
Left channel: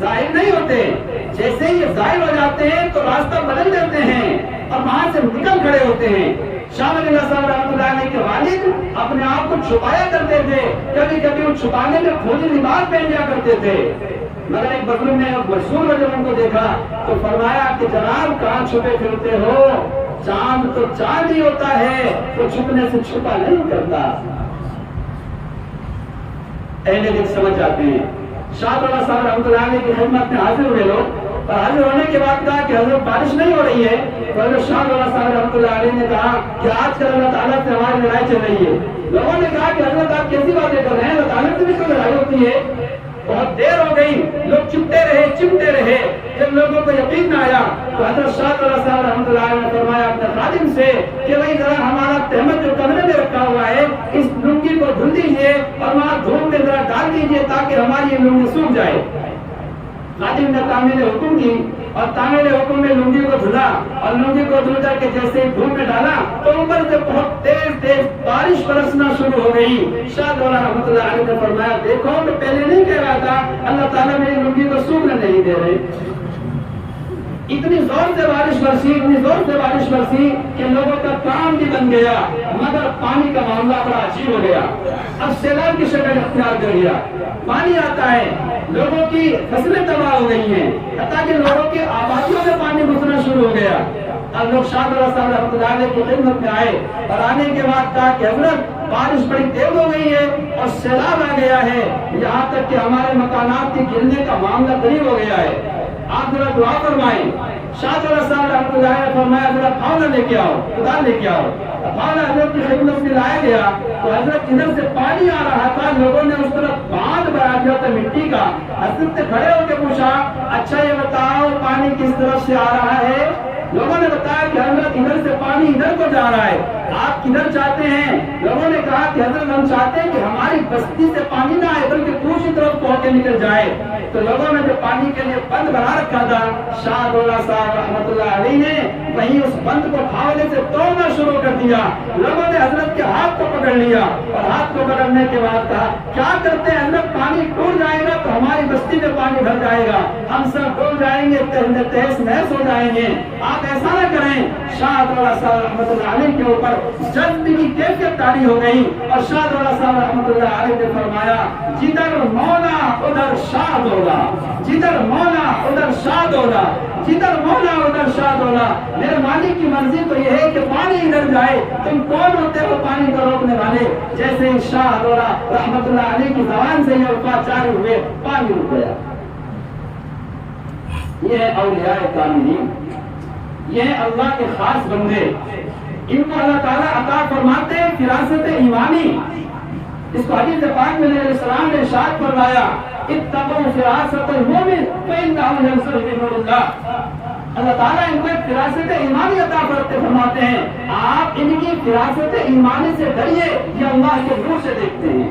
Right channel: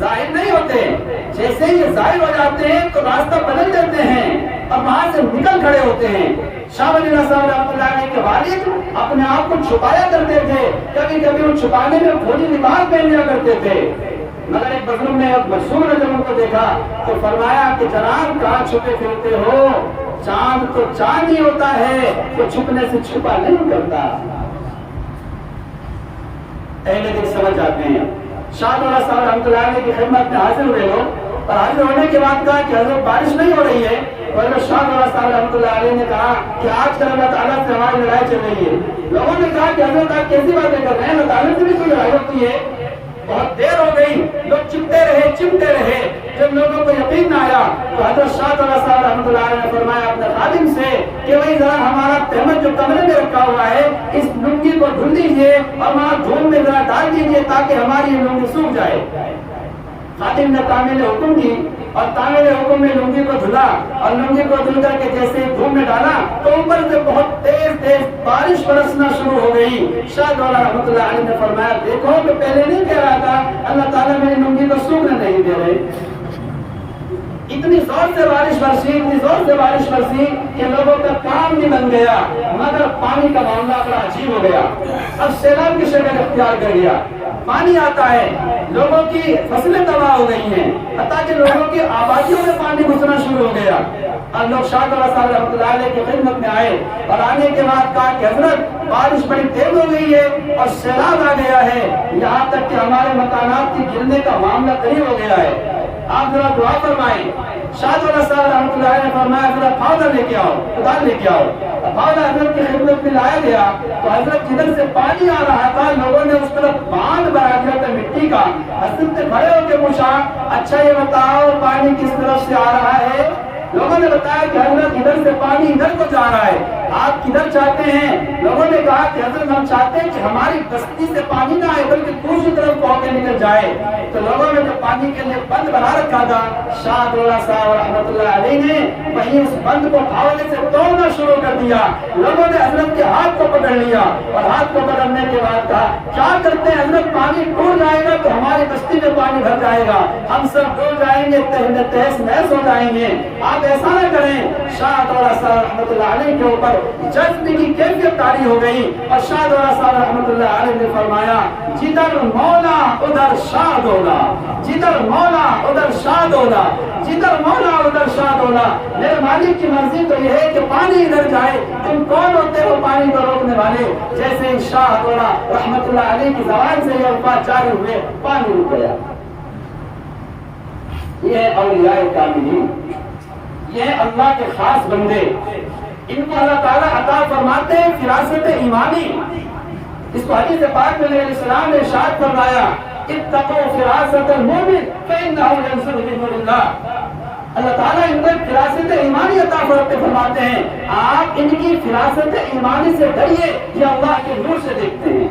ظاہر نہیں ہوتے، جیسے ہی یہ ظاہر ہو جاتے ہیں تو راستہ بدل دیتے ہیں اور وہاں سے نکل کھڑے ہوتے ہیں۔ شاہ ولی اللہ صاحب رحمۃ اللہ علیہ کے والد اپنے آپ کو چھپایا کرتے تھے، کبھی کبھی وہ چھپانے میں فوجی لباس پہن لیا کرتے تھے، مگر ایک بزرگ نے مشہور ہے جب ان کو دیکھا تو فرمایا کہ جناب کہاں چھپے پھرتے ہو، چاند تو چاند ہی ہوتا ہے، تو چھپنے سے چھپا نہیں کرتا۔ اہل دل سمجھ جاتے ہیں۔ شاہ ولی اللہ صاحب رحمۃ اللہ علیہ کی خدمت میں حاضر ہوئے لوگ، اور حاضر ہونے کے بعد کہا کہ حضرت بارش نہیں ہو رہی ہے، تو حضرت شاہ ولی صاحب رحمۃ اللہ علیہ نے کہا کہ آج کل اللہ تعالیٰ سے ہماری لڑائی چل رہی ہے۔ لوگوں نے کہا کہ حضرت آپ کیسی باتیں کر رہے ہیں، اللہ تعالیٰ سے بھی کوئی لڑائی ہوتی ہے؟ بہت دیر ہو گئی، لوگ چمٹے رہے، جب لوگوں کو یقین نہ آیا تو حضرت شاہ ولی صاحب رحمۃ اللہ علیہ نے فرمایا اپنے خادم سے کہ بھائی ذرا ہمارا تہمت جو کمرے میں رکھا ہوا ہے اس لنگی کو دھل دیجیے اور وہاں دھوپ میں ذرا ڈال دیجیے تاکہ ہماری یہ لنگی سوکھ جائے۔ خادم نے تعمیل حکم کی اور تعمیل حکم میں لنگی کو دھلا اور لنگی کو دھل کر کے جیسے دھوپ میں ڈالا تو اوپر سے بہت تیز بارش برسنا شروع ہو گئی۔ شاہ ولی رحمۃ اللہ علیہ نے فرمایا دیکھو میں پہلے نہیں کہہ رہا تھا اللہ تعالیٰ میری لنگی کو سوکھنے نہیں دے رہے۔ اتنی زور سے بارش برسی کہ لوگوں کا کام بھی بن گیا، مگر پانی کا معاملہ بڑا عجیب ہو گیا، اب سیلاب کی شکل اختیار کر گیا۔ پانی آتا ہے، لوگوں کی فصلیں تباہ ہو گئی ہیں، حتیٰ کہ لوگوں کی آبادیوں میں پانی گھسنا شروع ہو گیا۔ اب لوگ شاہ ولی صاحب رحمۃ اللہ علیہ کی خدمت میں آئے اور آنے کے بعد کہا کہ حضرت بارش بڑی تیز ہو گئی ہے اور سیلاب آ گیا ہے، یہاں تک کہ ہمارے مکانات کے گرنے کا معاملہ قریب ہو گیا ہے، آپ ذرا دعا فرمائیں۔ شاہ ولی صاحب رحمۃ اللہ علیہ نے فرمایا ذرا پھاوڑا لے کے آؤ، خدا لے کے آؤ۔ پھاوڑا حضرت کی خدمت میں لایا گیا تو حضرت ادھر سے پانی آ رہا تھا، لوگوں نے اس طرف باندھ بنا دیا تھا مٹی کا۔ حضرت سے کھڑے ہو کے پوچھا اچھا یہ بتاؤ پانی کس طرف سے آ رہا ہے؟ لوگوں نے بتایا کہ حضرت ادھر سے پانی ادھر کو جا رہا ہے، آپ کدھر چاہتے ہیں؟ لوگوں نے کہا کہ حضرت ہم چاہتے ہیں کہ ہماری بستی سے پانی نہ آئے بلکہ دوسری طرف ہو کے نکل جائے۔ تو لوگوں نے جو پانی کے لیے بند بنا رکھا تھا شاہ ولی صاحب رحمۃ اللہ علیہ نے وہیں اس بند کو پھاوڑے سے توڑنا شروع کر دیا۔ لوگوں نے حضرت کے ہاتھ کو پکڑ لیا اور ہاتھ کو پکڑنے کے بعد کہا کیا کرتے ہیں حضرت، پانی ٹوٹ جائے گا تو ہماری بستی میں پانی بھر جائے گا، ہم سب ڈوب جائیں گے، تہس نہس ہو جائیں گے، آپ ایسا نہ کریں۔ شاہ ولی صاحب رحمۃ اللہ علیہ کے اوپر جذب کی کیفیت طاری ہو گئی اور شاہ ولی صاحب رحمۃ اللہ علیہ نے فرمایا جدھر مولا ادھر شاہ دولا، جدھر مولا ادھر شاہ دولا، جدھر مولا ادھر شاہ دولا۔ میرے مالک کی مرضی تو یہ ہے کہ پانی ادھر جائے، تم کون ہوتے ہو پانی کو روکنے والے؟ جیسے ہی شاہ دولا رحمۃ اللہ علیہ کی زبان سے یہ الفاظ جاری ہوئے پانی رک گیا۔ یہ ہے اولیاء کاملین، یہ ہے اللہ کے خاص بندے، ان کو اللہ تعالیٰ عطا فرماتے ہیں فراست ایمانی۔ اس کو حدیث پاک میں نبی علیہ السلام نے ارشاد فرمایا اتقوا فراست المؤمن فإنه ينظر بنور اللہ۔ اللہ تعالیٰ ان کو فراست ایمانی عطا فرماتے ہیں، آپ ان کی فراست ایمانی سے ڈریے، یہ اللہ کے نور سے دیکھتے ہیں۔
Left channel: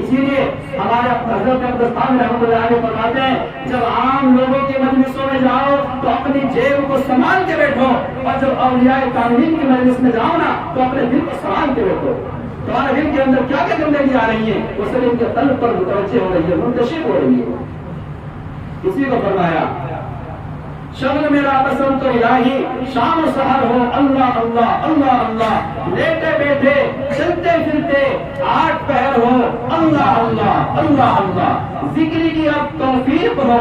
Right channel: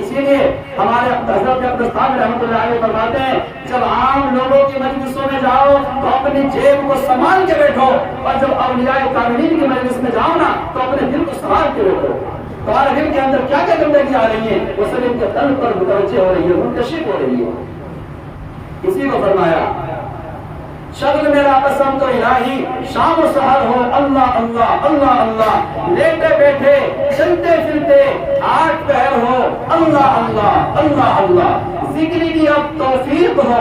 اسی لیے ہمارے حضرت عبدالستان رحمۃ اللہ علیہ فرماتے ہیں جب عام لوگوں کی مجلسوں میں جاؤ تو اپنی جیب کو سنبھال کے بیٹھو، اور جب اولیاء کاملین کی مجلس میں جاؤ نا تو اپنے دل کو سنبھال کے بیٹھو۔ تمہارے دل کے اندر کیا کیا گندگی آ رہی ہے وہ سب ان کے قلب پر متوجہ ہو رہی ہے، منتشر ہو رہی ہے۔ اسی کو فرمایا شغل میرا پسند تو الہی شام و سحر ہو اللہ اللہ اللہ اللہ، لیٹے بیٹھے چلتے پھرتے آٹھ پہر ہو اللہ اللہ اللہ اللہ، ذکری کی اب توفیق ہو،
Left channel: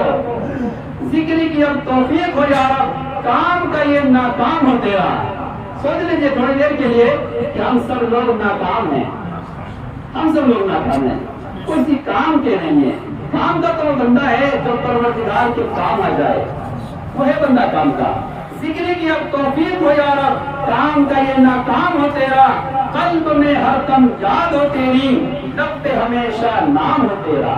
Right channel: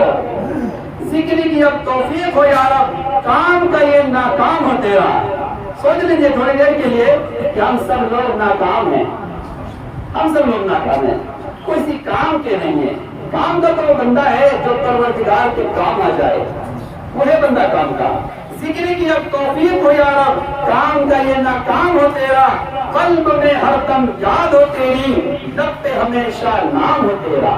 ذکری کی اب توفیق ہو یا رب، کام کا یہ ناکام ہو تیرا۔ سوچ لیجیے تھوڑی دیر کے لیے کہ ہم سب لوگ ناکام ہیں، ہم سب لوگ ناکام ہیں، کسی کام کے نہیں ہے۔ کام کا تو وہ بندہ ہے جو پروردگار کے کام آ جائے، وہ ہے بندہ کام کا۔ ذکر کی اب توفیق ہو یا رب، کام کا یہ ناکام ہو تیرا، قلب میں ہر دم یاد ہو تیری، لب پہ ہمیشہ نام ہو تیرا۔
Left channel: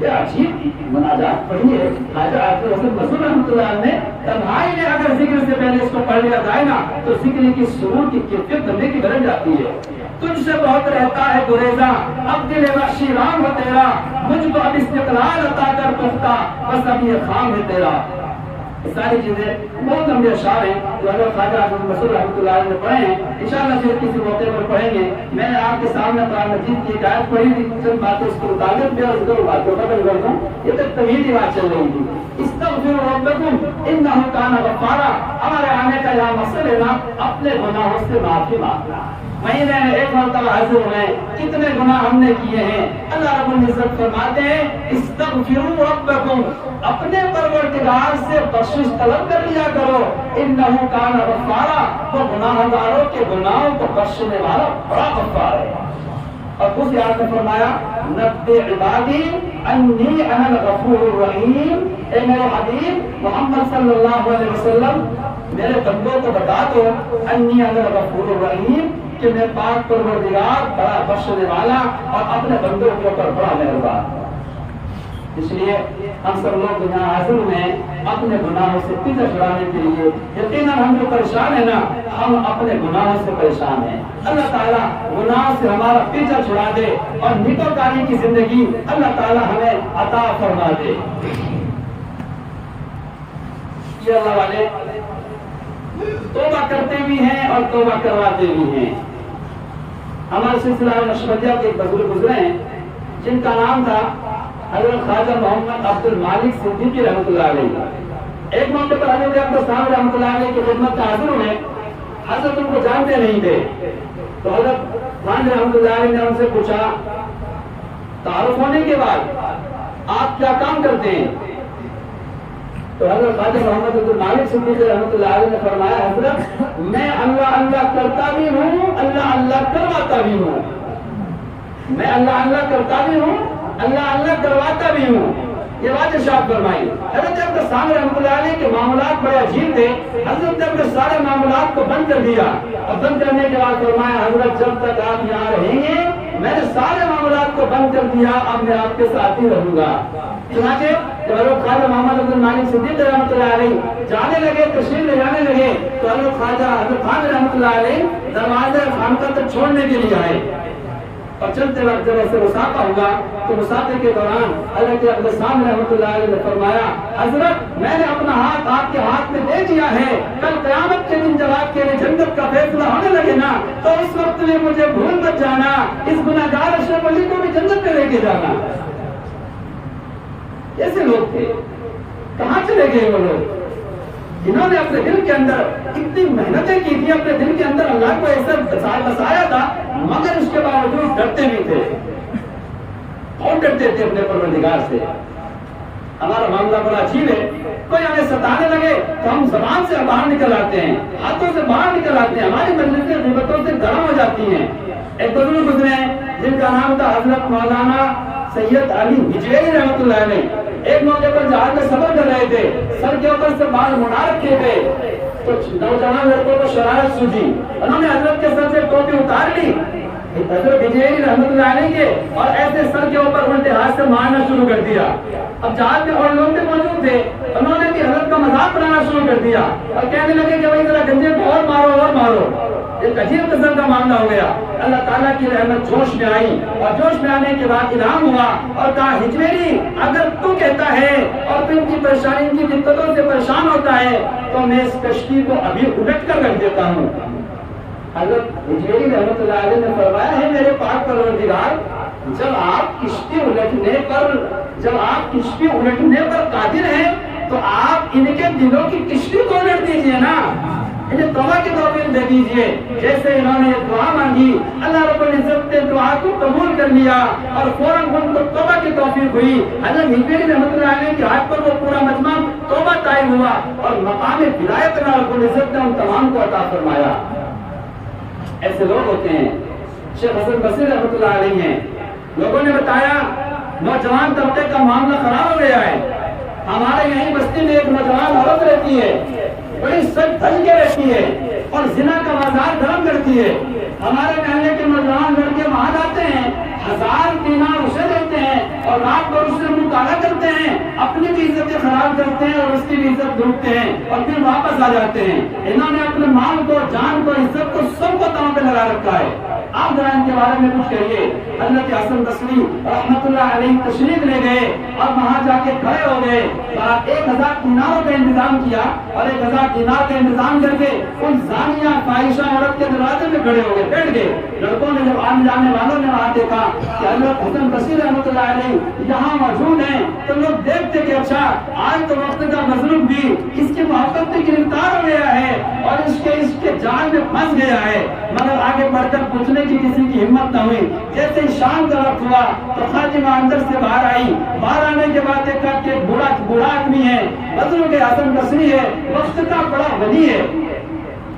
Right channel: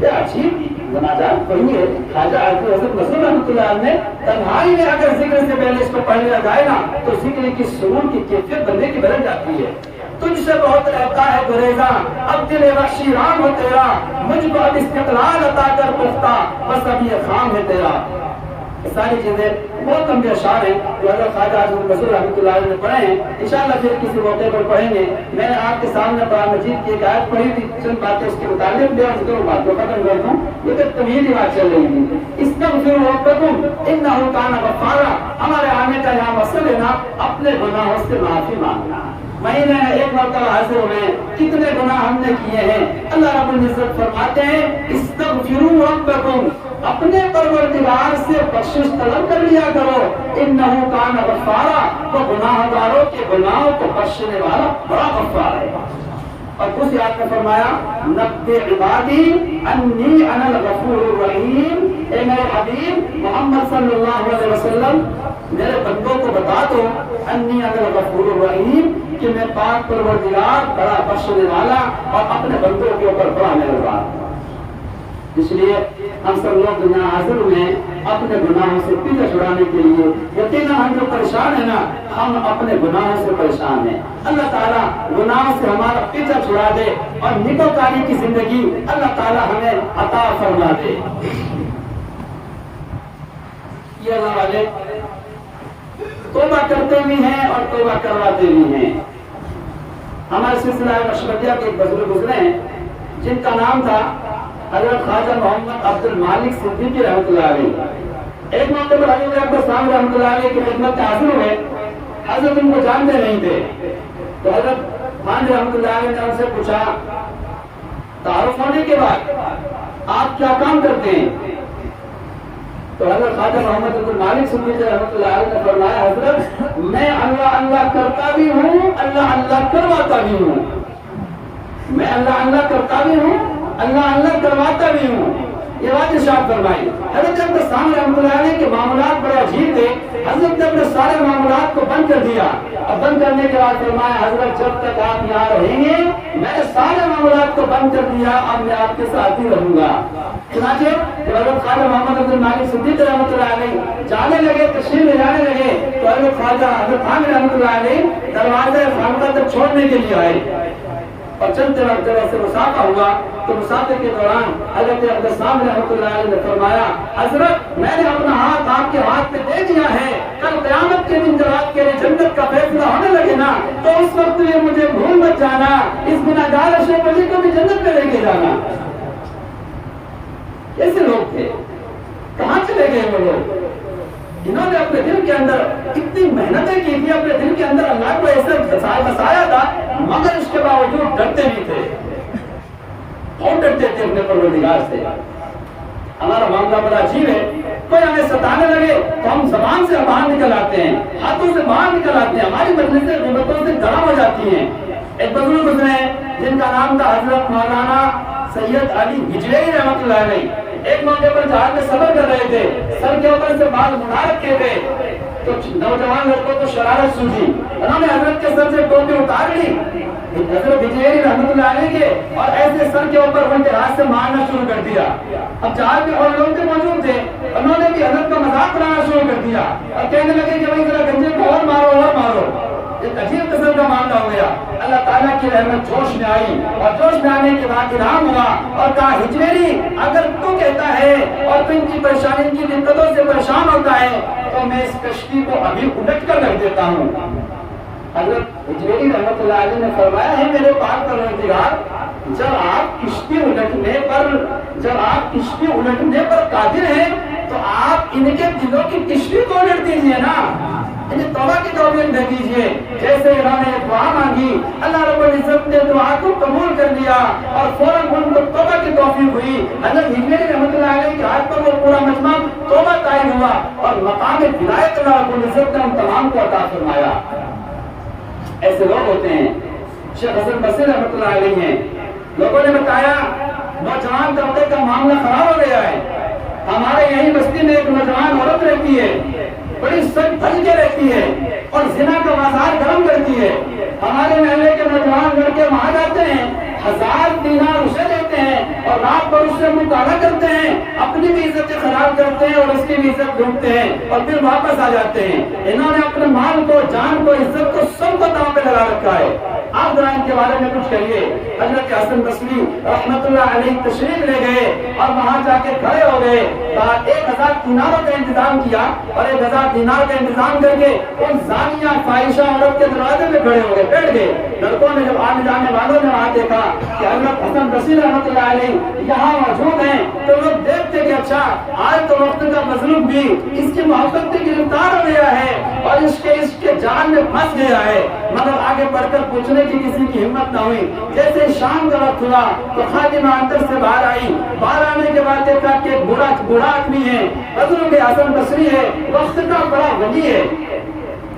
یہ عجیب مناجات پڑھیے خواجہ حضرت مسعود رحمۃ اللہ علیہ نے تنہائی میں اگر ذکر سے پہلے اس کو پڑھ لیا جائے نا تو ذکر کی سرور کی کیفیت بننے کی بدل جاتی ہے۔ تجھ سے بہت رہتا ہے گریزاں اب دل بخشی رام ہو تیرا، مجھ کو اب استقلال عطا کر پختہ بس اب یہ خام ہے تیرا۔ یہ ساری چیزیں بہت لمبے اشعار ہیں جو حضرت خواجہ اعظم رسول رحمۃ اللہ علیہ نے پڑھے ہیں. انشاءاللہ پھر کسی موقع پر پڑھیں گے. میں نے آپ کے سامنے قرآن مجید کی ایک آیت پڑھی تھی, چند باتیں اس کے مطابق بھی عرض کروں, بات کو ختم کر دوں. یہ تو طویل ہی بات چل رہی تھی. استغفروا ربکم انہ کان غفارا. ہمارے آنے کا یہاں مقصد ہے نا اپنے گناہوں سے معافی مانگنا. مہینے میں ایک مرتبہ حاضر میں کتنے گناہ ہم نے کیے ہیں. اللہ رب العزت فرماتے ہیں استغفروا ربکم, اپنے پروردگار سے بخشش طلب کر لیا کرو. انہ کان غفارا, وہ گناہ گاروں کے گناہوں کو بخشنے والا بڑا غفار ہے. اور دوسری آیت میں فرمایا نبئ عبادی انی انا الغفور الرحیم. اے میرے حبیب محمد صلی اللہ علیہ وسلم میرے بندوں کو بتا دو انی انا الغفور الرحیم, کہ میں پاک پروردگار بڑا بخشنے والا اور اپنے بندوں کے اوپر بڑا مہربان. اس لیے ہم سب لوگ دنیا حاضر میں اپنے گناہوں سے پیچھا چھڑانے کے لیے یقیناً ہم جو پریشان ہیں نا, ہم اپنے گناہوں سے پریشان ہیں. اللہ تعالیٰ گناہ سے ہمارا پیچھا چھڑا دے اور نیکوکاری کی زندگی اللہ تعالیٰ ہمیں عطا فرما دے. یہ اللہ والے توبہ کرتے بھی ہیں اور توبہ کرواتے بھی ہیں. ہمارے سلسلہ نقشبندیہ کے ایک بزرگ گزرے ہیں جن کا نام تھا حضرت خواجہ محمد عبد المالک صدیقی رحمۃ اللہ علیہ. ایک موقع پر حضرت اکبر صاحب رحمۃ اللہ علیہ کی خدمت میں حاضر ہوئے. حضرت ان کو جانتے نہیں تھے, تو حضرت خان رحمۃ اللہ علیہ نے ان سے پوچھا تعارف ہونے کے بعد آپ کیا کام کرتے ہیں؟ تو حضرت خواجہ محمد عبد المالک صدیقی رحمۃ اللہ علیہ نے فرمایا حضرت میں اللہ اللہ کرتا بھی ہوں, اللہ اللہ کرواتا بھی ہوں. میں اللہ اللہ کرتا بھی ہوں, اللہ اللہ کرواتا بھی ہوں. یہ بات ارشاد فرمائی. حضرت اکبر صاحب رحمۃ اللہ علیہ کے معاملات بڑے عجیب تھے. حضرت نے اپنے سارے معاملات کو بند کر دیا اور بند کرنے کے بعد فرمایا حضرت جب تک آپ یہاں رہیں گے میں نے سارے معاملات کو بند کر دیا, اب میں آپ کے ساتھ ہی رہوں گا. چنانچہ جب حضرت خواجہ محمد عبد المالک صدیقی رحمۃ اللہ علیہ جانے لگے, تشریف لے جانے لگے, تو حضرت خواجہ حضرت خان رحمۃ اللہ علیہ دروازہ خانقاہ تک چھوڑنے کے لیے آئے. اور چلتے وقت جب ایسے مسافہ ہوا تو مسافے کے دوران حضرت عبد السلام رحمۃ اللہ علیہ نے فرمایا حضرت میں نے اپنا ہاتھ آپ کے ہاتھ پہ دے دیا ہے, کل قیامت کے دن جب آپ کے لیے جنت کا فیصلہ ہونے لگے نا تو اس وقت میں مجھے بھول مت جانا, اس گناہگار اشرف علی کو بھی جنت میں لے کے جانا. ایسے لوگ تھے, کہاں چلے گئے وہ لوگ جنہوں نے اپنے دل کے اندر اتنی محنتیں کی تھی, اپنے دل کے اندر اللہ کو ایسا بسایا تھا, مگر اس کے باوجود ڈرتے نہیں تھے. بہت ڈرتے تھے اپنے پروردگار سے. ہمارا معاملہ بڑا عجیب ہے, کوئی ہمیں ستانے لگے تو ہم زبان سے باہر نکل آتے ہیں, ہاتھوں سے باہر نکل آتے ہیں, ہماری مجلسیں غیبتوں سے گرم ہو جاتی ہیں. ایک بزرگ گزرے جن کا نام تھا حضرت مولانا سید علی ہجویری رحمۃ اللہ علیہ. ایک موقع پر جہاز میں سفر کر رہے تھے, سر کے اوپر سے بال مڑا رکھے تھے, تو نوجوان لڑکوں کو شرارت سوجی, انہوں نے حضرت کے سر سے ٹوپی اتار لی حضرت ہجویری رحمۃ اللہ علیہ کے, اور ایسے سر کے اوپر الٹے ہاتھ سے مارنا شروع کر دیا. اب جہاز میں اور لوگ موجود تھے, انہوں نے بھی حضرت کا مذاق بنانا شروع کر دیا اور کہنے لگے کہ بھائی ذرا گنجے کو اور مارو اور مارو. ایک عجیب قسم کا معاملہ ہو گیا. اللہ تعالیٰ کی رحمت جوش میں آئی, اور جوش میں آنے کے بعد الہام ہوا اور کہا ہجویری اگر تو کہتا ہے اور تو ان کی پریشانی ان کی دقتوں سے پریشان ہوتا ہے تو میں اس کشتی کو ابھی الٹ کر رکھ دیتا ہوں. حضرت ہجویری رحمۃ اللہ علیہ نے فرمایا ہے میرے پاک پروردگار, جب آپ کشتی الٹنے پر قادر ہیں تو آپ ان کے دلوں کی کشتی کو الٹ دیجیے نا, انہیں توبہ کی توفیق دے دیجیے. جیسے انہوں نے دعا مانگی, اللہ رب العزت نے دعا کو قبول کر لیا اور فوراً ان کو توبہ کی توفیق ہوئی. حضرت ہجویری رحمۃ اللہ علیہ کے ہاتھ پر وہ پورا مجمع توبہ طائب ہوا اور مقام ولایت اللہ رب العزت نے ہم تمام کو عطا فرمایا. ایسے لوگ ہوتے ہیں. شیخ حسن بصری رحمۃ اللہ علیہ ہیں, لوگوں نے بتایا نوجوان طبقے کا معاملہ خراب ہو گیا ہے. ہمارے یہیں بستی میں ایک نوجوان عورت رہتی ہے, بڑی سج دھج کے رہتی ہے اور زنا کا بازار گرم کرتی ہے. ہمارے محلے کے نوجوان لڑکے وہاں جاتے ہیں, 1000 دینار اسے دیتے ہیں اور رات بھر اس سے منہ کالا کرتے ہیں, اپنی بھی عزتیں خراب کرتے ہیں اور اس کی بھی عزت ڈوبتے ہیں اور پھر واپس آ جاتے ہیں. انہوں نے اپنے مال کو, جان کو, عزت کو سب کو داؤں پہ لگا رکھا ہے. آپ ذرا ان کے بارے میں کچھ کہیے. حضرت حسن بصری رحمۃ اللہ علیہ تشریف لے گئے اور وہاں جا کے کھڑے ہو گئے. 1000 دیناروں کا انتظام کیا اور 1000 دینار کا انتظام کر کے ان زانیہ فاحشہ عورت کے دروازے پہ کھڑے ہو گئے، بیٹھ گئے۔ لڑکوں نے جب آنے جانے والوں نے وہاں دیکھا کہ حضرت حسن بصری رحمۃ اللہ علیہ یہاں موجود ہیں، تو لوگ دیکھتے کہ اچھا آج تو وقت کا مظلوم بھی اس کی محبت سے گرفتار ہو گیا ہے اور اس کے جال میں پھنس گیا ہے، مگر آگے بڑھ کر پوچھنے کی کسی کی ہمت نہ ہوئی۔ جیسے شام کا وقت ہوا تو خادمہ اندر سے باہر آئی، باہر آنے کے بعد دیکھا کہ ایک بوڑھا آدمی ہے، بزرگ حسن بصری ہے، وقت کا بڑا ولی ہے،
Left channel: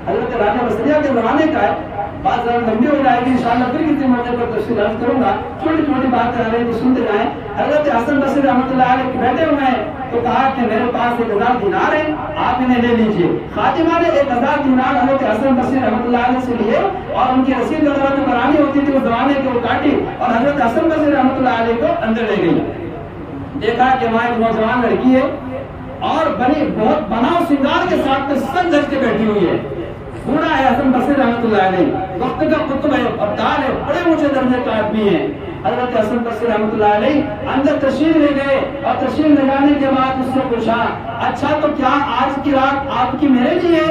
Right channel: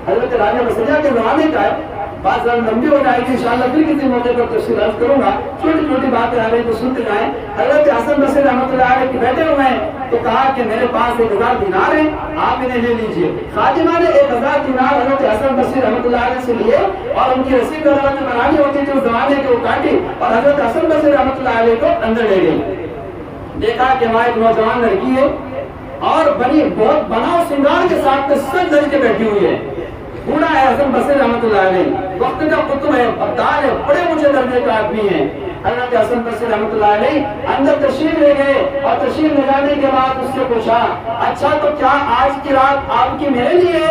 حضرت راجہ بصریہ کے زمانے کا ہے۔ بات ذرا لمبی ہو جائے گی، انشاءاللہ پھر کسی موقع پر تفصیل عرض کروں گا، چھوٹی چھوٹی باتیں آ رہی تو سنتے جائیں۔ حضرت حسن بصری رحمۃ اللہ علیہ بیٹھے ہوئے ہیں تو کہا کہ میرے پاس 1000 دینار ہیں، آپ انہیں لے لیجئے۔ خادمہ نے 1000 دینار حضرت حسن بصری رحمۃ اللہ علیہ سے لیے اور ان کی رسید وغیرہ جو بنانی ہوتی تھی اس زمانے کی وہ کاٹی اور حضرت حسن بصری رحمۃ اللہ علیہ کو اندر لے گئی۔ دیکھا کہ وہاں ایک نوجوان لڑکی ہے اور بہت بناؤ سنگار کے ساتھ سن دھر کے بیٹھی ہوئی ہے، بوڑھا ہے حسن بصری رحمۃ اللہ علیہ، وقت کا قطب ہے، ابدال ہے، بڑے اونچے درجے کا آدمی ہے۔ حضرت حسن بصری رحمۃ اللہ علیہ اندر تشریف لے گئے اور تشریف لے جانے کے بعد اس سے پوچھا اچھا تو کیا آج کی رات آپ کی میرے لیے؟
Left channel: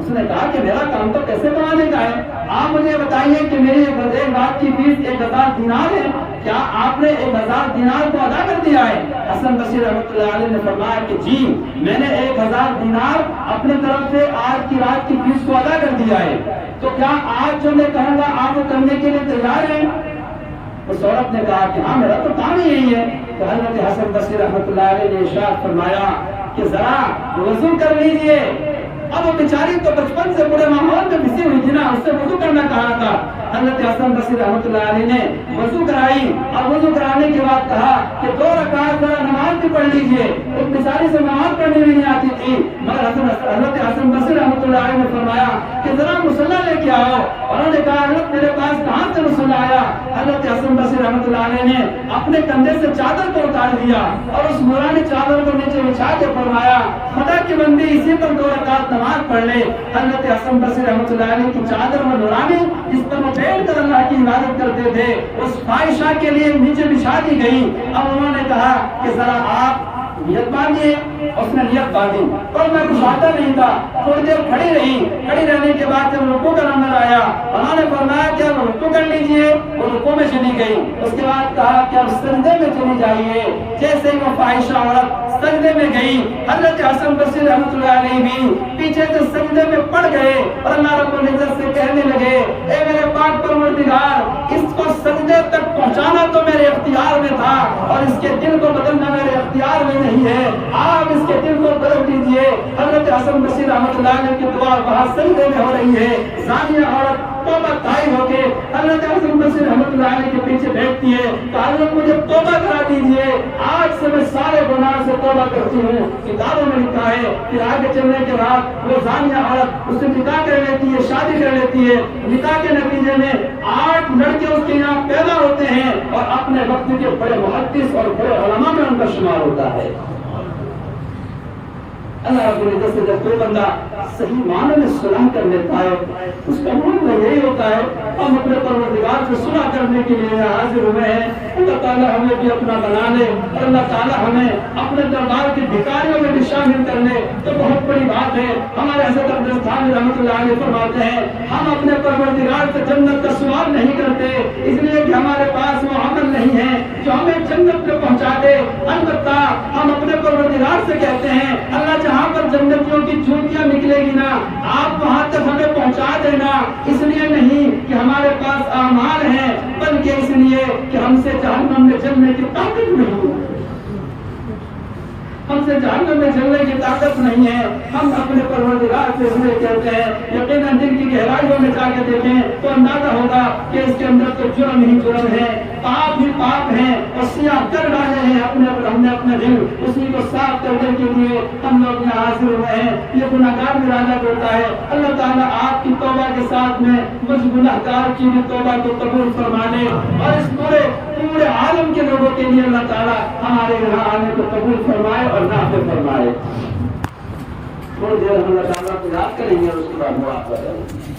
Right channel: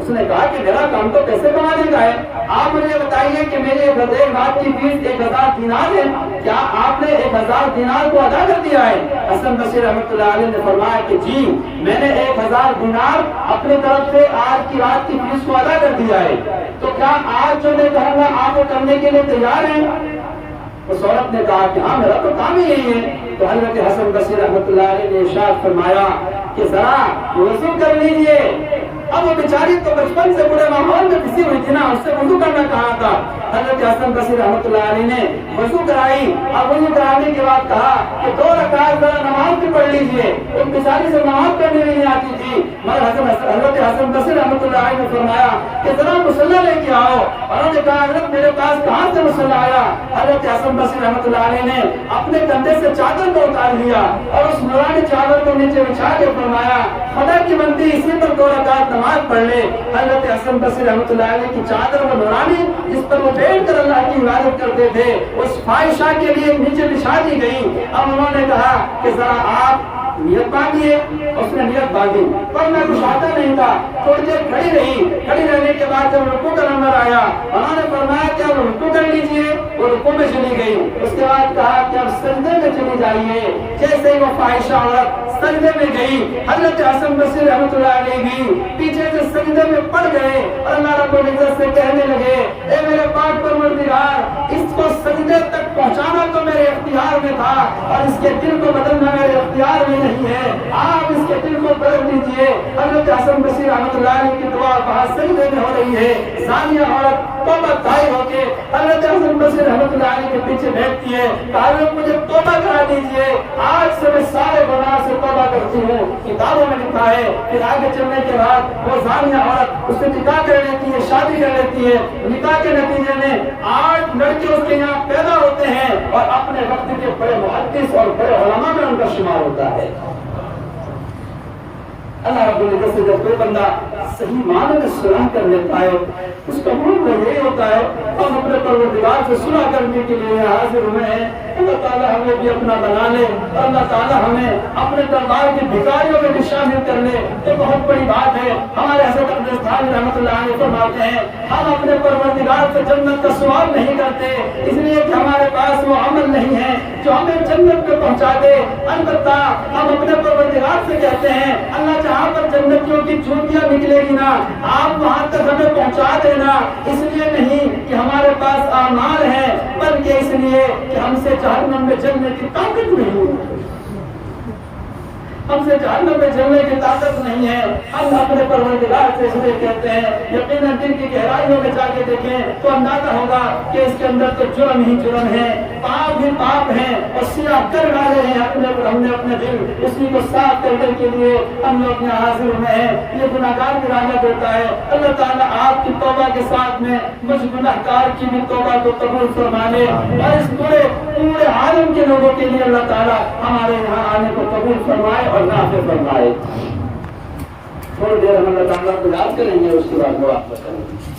اس نے کہا کہ میرا کام تو پیسے کمانے کا ہے، آپ مجھے بتائیے کہ میری ایک رات کی فیس 1000 دینار ہے، کیا آپ نے 1000 دینار کو ادا کر دیا ہے؟ حسن بصری رحمۃ اللہ علیہ نے فرمایا کہ جی میں نے 1000 دینار اپنی طرف سے آج کی رات کی فیس کو ادا کر دیا ہے، تو کیا آج جو میں کہوں گا آپ وہ کرنے کے لیے تیار ہیں؟ اس عورت نے کہا کہ ہاں میرا تو کام ہی یہی ہے۔ تو حضرت حسن بصری رحمۃ اللہ علیہ نے ارشاد فرمایا کہ ذرا وضو کر لیجئے۔ اب وہ بیچاری تو بچپن سے بڑے ماحول میں پھنسی ہوئی تھی نا، اس سے وضو کرنا کہا تھا۔ حضرت حسن بصری رحمۃ اللہ علیہ نے وضو کرائی اور وضو کرانے کے بعد کہا کہ 2 رکعت ذرا نماز بھی پڑھ لیجئے۔ اس بیچاری سے نماز پڑھنے بھی نہیں آتی تھی، مگر حضرت حسن بصری رحمۃ اللہ علیہ نے فرمایا کہ ذرا مصلی لے کے آؤ، اور انہوں نے کہا حضرت میرے پاس کہاں سے مصلی آیا؟ حضرت حسن بصری رحمۃ اللہ علیہ نے اپنے کندھے سے چادر کو اتار لیا اور اس نورانی چادر کو نیچے بچھا کے فرمایا خدا کی بندی اسی پر 2 رکعت نماز پڑھ لے۔ حضرت حسن بصری رحمۃ اللہ علیہ کی چادر وہ نورانی جس پر وہ بیٹھ کر اللہ کی عبادت کرتے تھے اس فاحشہ کے لیے نیچے بچھا دی گئی۔ اب انہوں نے کہا کہ ذرا آپ نیت باندھیے، اس نے نیت باندھی پر میں کچھ آتا نہیں تھا، تھوڑی دیر کھڑی رہی، کھڑی رہنے کے بعد جب رکوع کا نمبر آیا انہوں نے فرمایا کہ اب رکوع کر لیجئے، وہ رکوع میں چلی گئی۔ اس کے بعد کہا کہ اب سجدے میں چلی جائیے۔ جیسے ہی وہ فاحشہ عورت سجدے میں گئی، حضرت حسن بصری رحمۃ اللہ علیہ بھی پیچھے سے سجدے میں پڑ گئے اور اللہ رب العزت سے کہنے لگے اے میرے پاک پروردگار اس کو سجدے تک پہنچانا تو میرے اختیار میں تھا اور اس کے دل کو بدلنا میرے اختیار میں نہیں ہے، آپ اس کے دل کو بدل دیجئے۔ حضرت حسن بصری رحمۃ اللہ علیہ کی دعا وہاں سجدے میں ہو رہی ہے، زانیہ عورت توبہ طائب ہو کے حضرت حسن بصری رحمۃ اللہ علیہ کے پیچھے بیٹھتی ہے، حضرت مجھے توبہ کرا دیجئے، آج سے میں سارے گناہ سے توبہ کرتی ہوں۔ کتابوں میں لکھا ہے کہ آگے چلنے کے بعد وہ زانیہ عورت اس سے نکاح کر لیتی ہے، شادی کر لیتی ہے، نکاح کے نتیجے میں 8 لڑکے اس کے یہاں پیدا ہوتے ہیں اور اپنے وقت کے بڑے محدث اور بڑے علماء میں ان کا شمار ہوتا ہے۔ اللہ رب العزت سے جب کوئی بندہ صحیح معنی میں سلام کر لیتا ہے اس کا مطلب یہی ہوتا ہے ہم اپنے پروردگار سے صلح کرنے کے لیے حاضر ہوئے ہیں، اللہ تعالیٰ ہمیں بھی اپنا بنا لے، اللہ تعالیٰ ہمیں اپنے دربار کے بھکاریوں میں بھی شامل کر لے تو بہت بڑی بات ہے۔ ہمارے حضرت اقدس تھانوی رحمۃ اللہ علیہ فرماتے ہیں ہم اپنے پروردگار سے جنت کا سوال نہیں کرتے اس لیے کہ ہمارے پاس وہ عمل نہیں ہے جو ہمیں جنت پہ پہنچا دے، البتہ ہم اپنے پروردگار سے کہتے ہیں اللہ جہاں پر جنتیوں کی جوتیاں نکلے گی نا آپ وہاں تک ہمیں پہنچا دینا، اس لیے نہیں کہ ہمارے پاس اعمال ہیں بلکہ اس لیے کہ ہم سے جہنم میں جلنے کی طاقت نہیں ہوگی، ہم سے جہنم میں جلنے کی طاقت نہیں ہے۔ ہم اپنے پروردگار سے اس لیے کہتے ہیں یقیناً دل کی گہرائیوں میں جا کے دیکھیں تو اندازہ ہوگا کہ اس کے اندر تو جرم ہی جرم ہے، پاپ ہی پاپ ہیں اور سیاہ کر ڈالے ہیں ہم نے اپنے دل اسی کو صاف کرنے کے لیے ہم لوگ یہاں حاضر ہوئے ہیں۔ یہ گناہگار ارادہ کرتا ہے اللہ تعالیٰ آپ کی توبہ کے ساتھ میں مجھ گناہگار کی بھی توبہ کو قبول فرما لے اور اس پورے عالم کے لوگوں کے لیے اللہ تعالیٰ ہمارے یہاں آنے کو قبول فرمائے اور نافذ فرمائے۔ تھوڑی دیر ہم اللہ تعالیٰ کو یاد کریں گے اس کے بعد مراقبہ کریں گے۔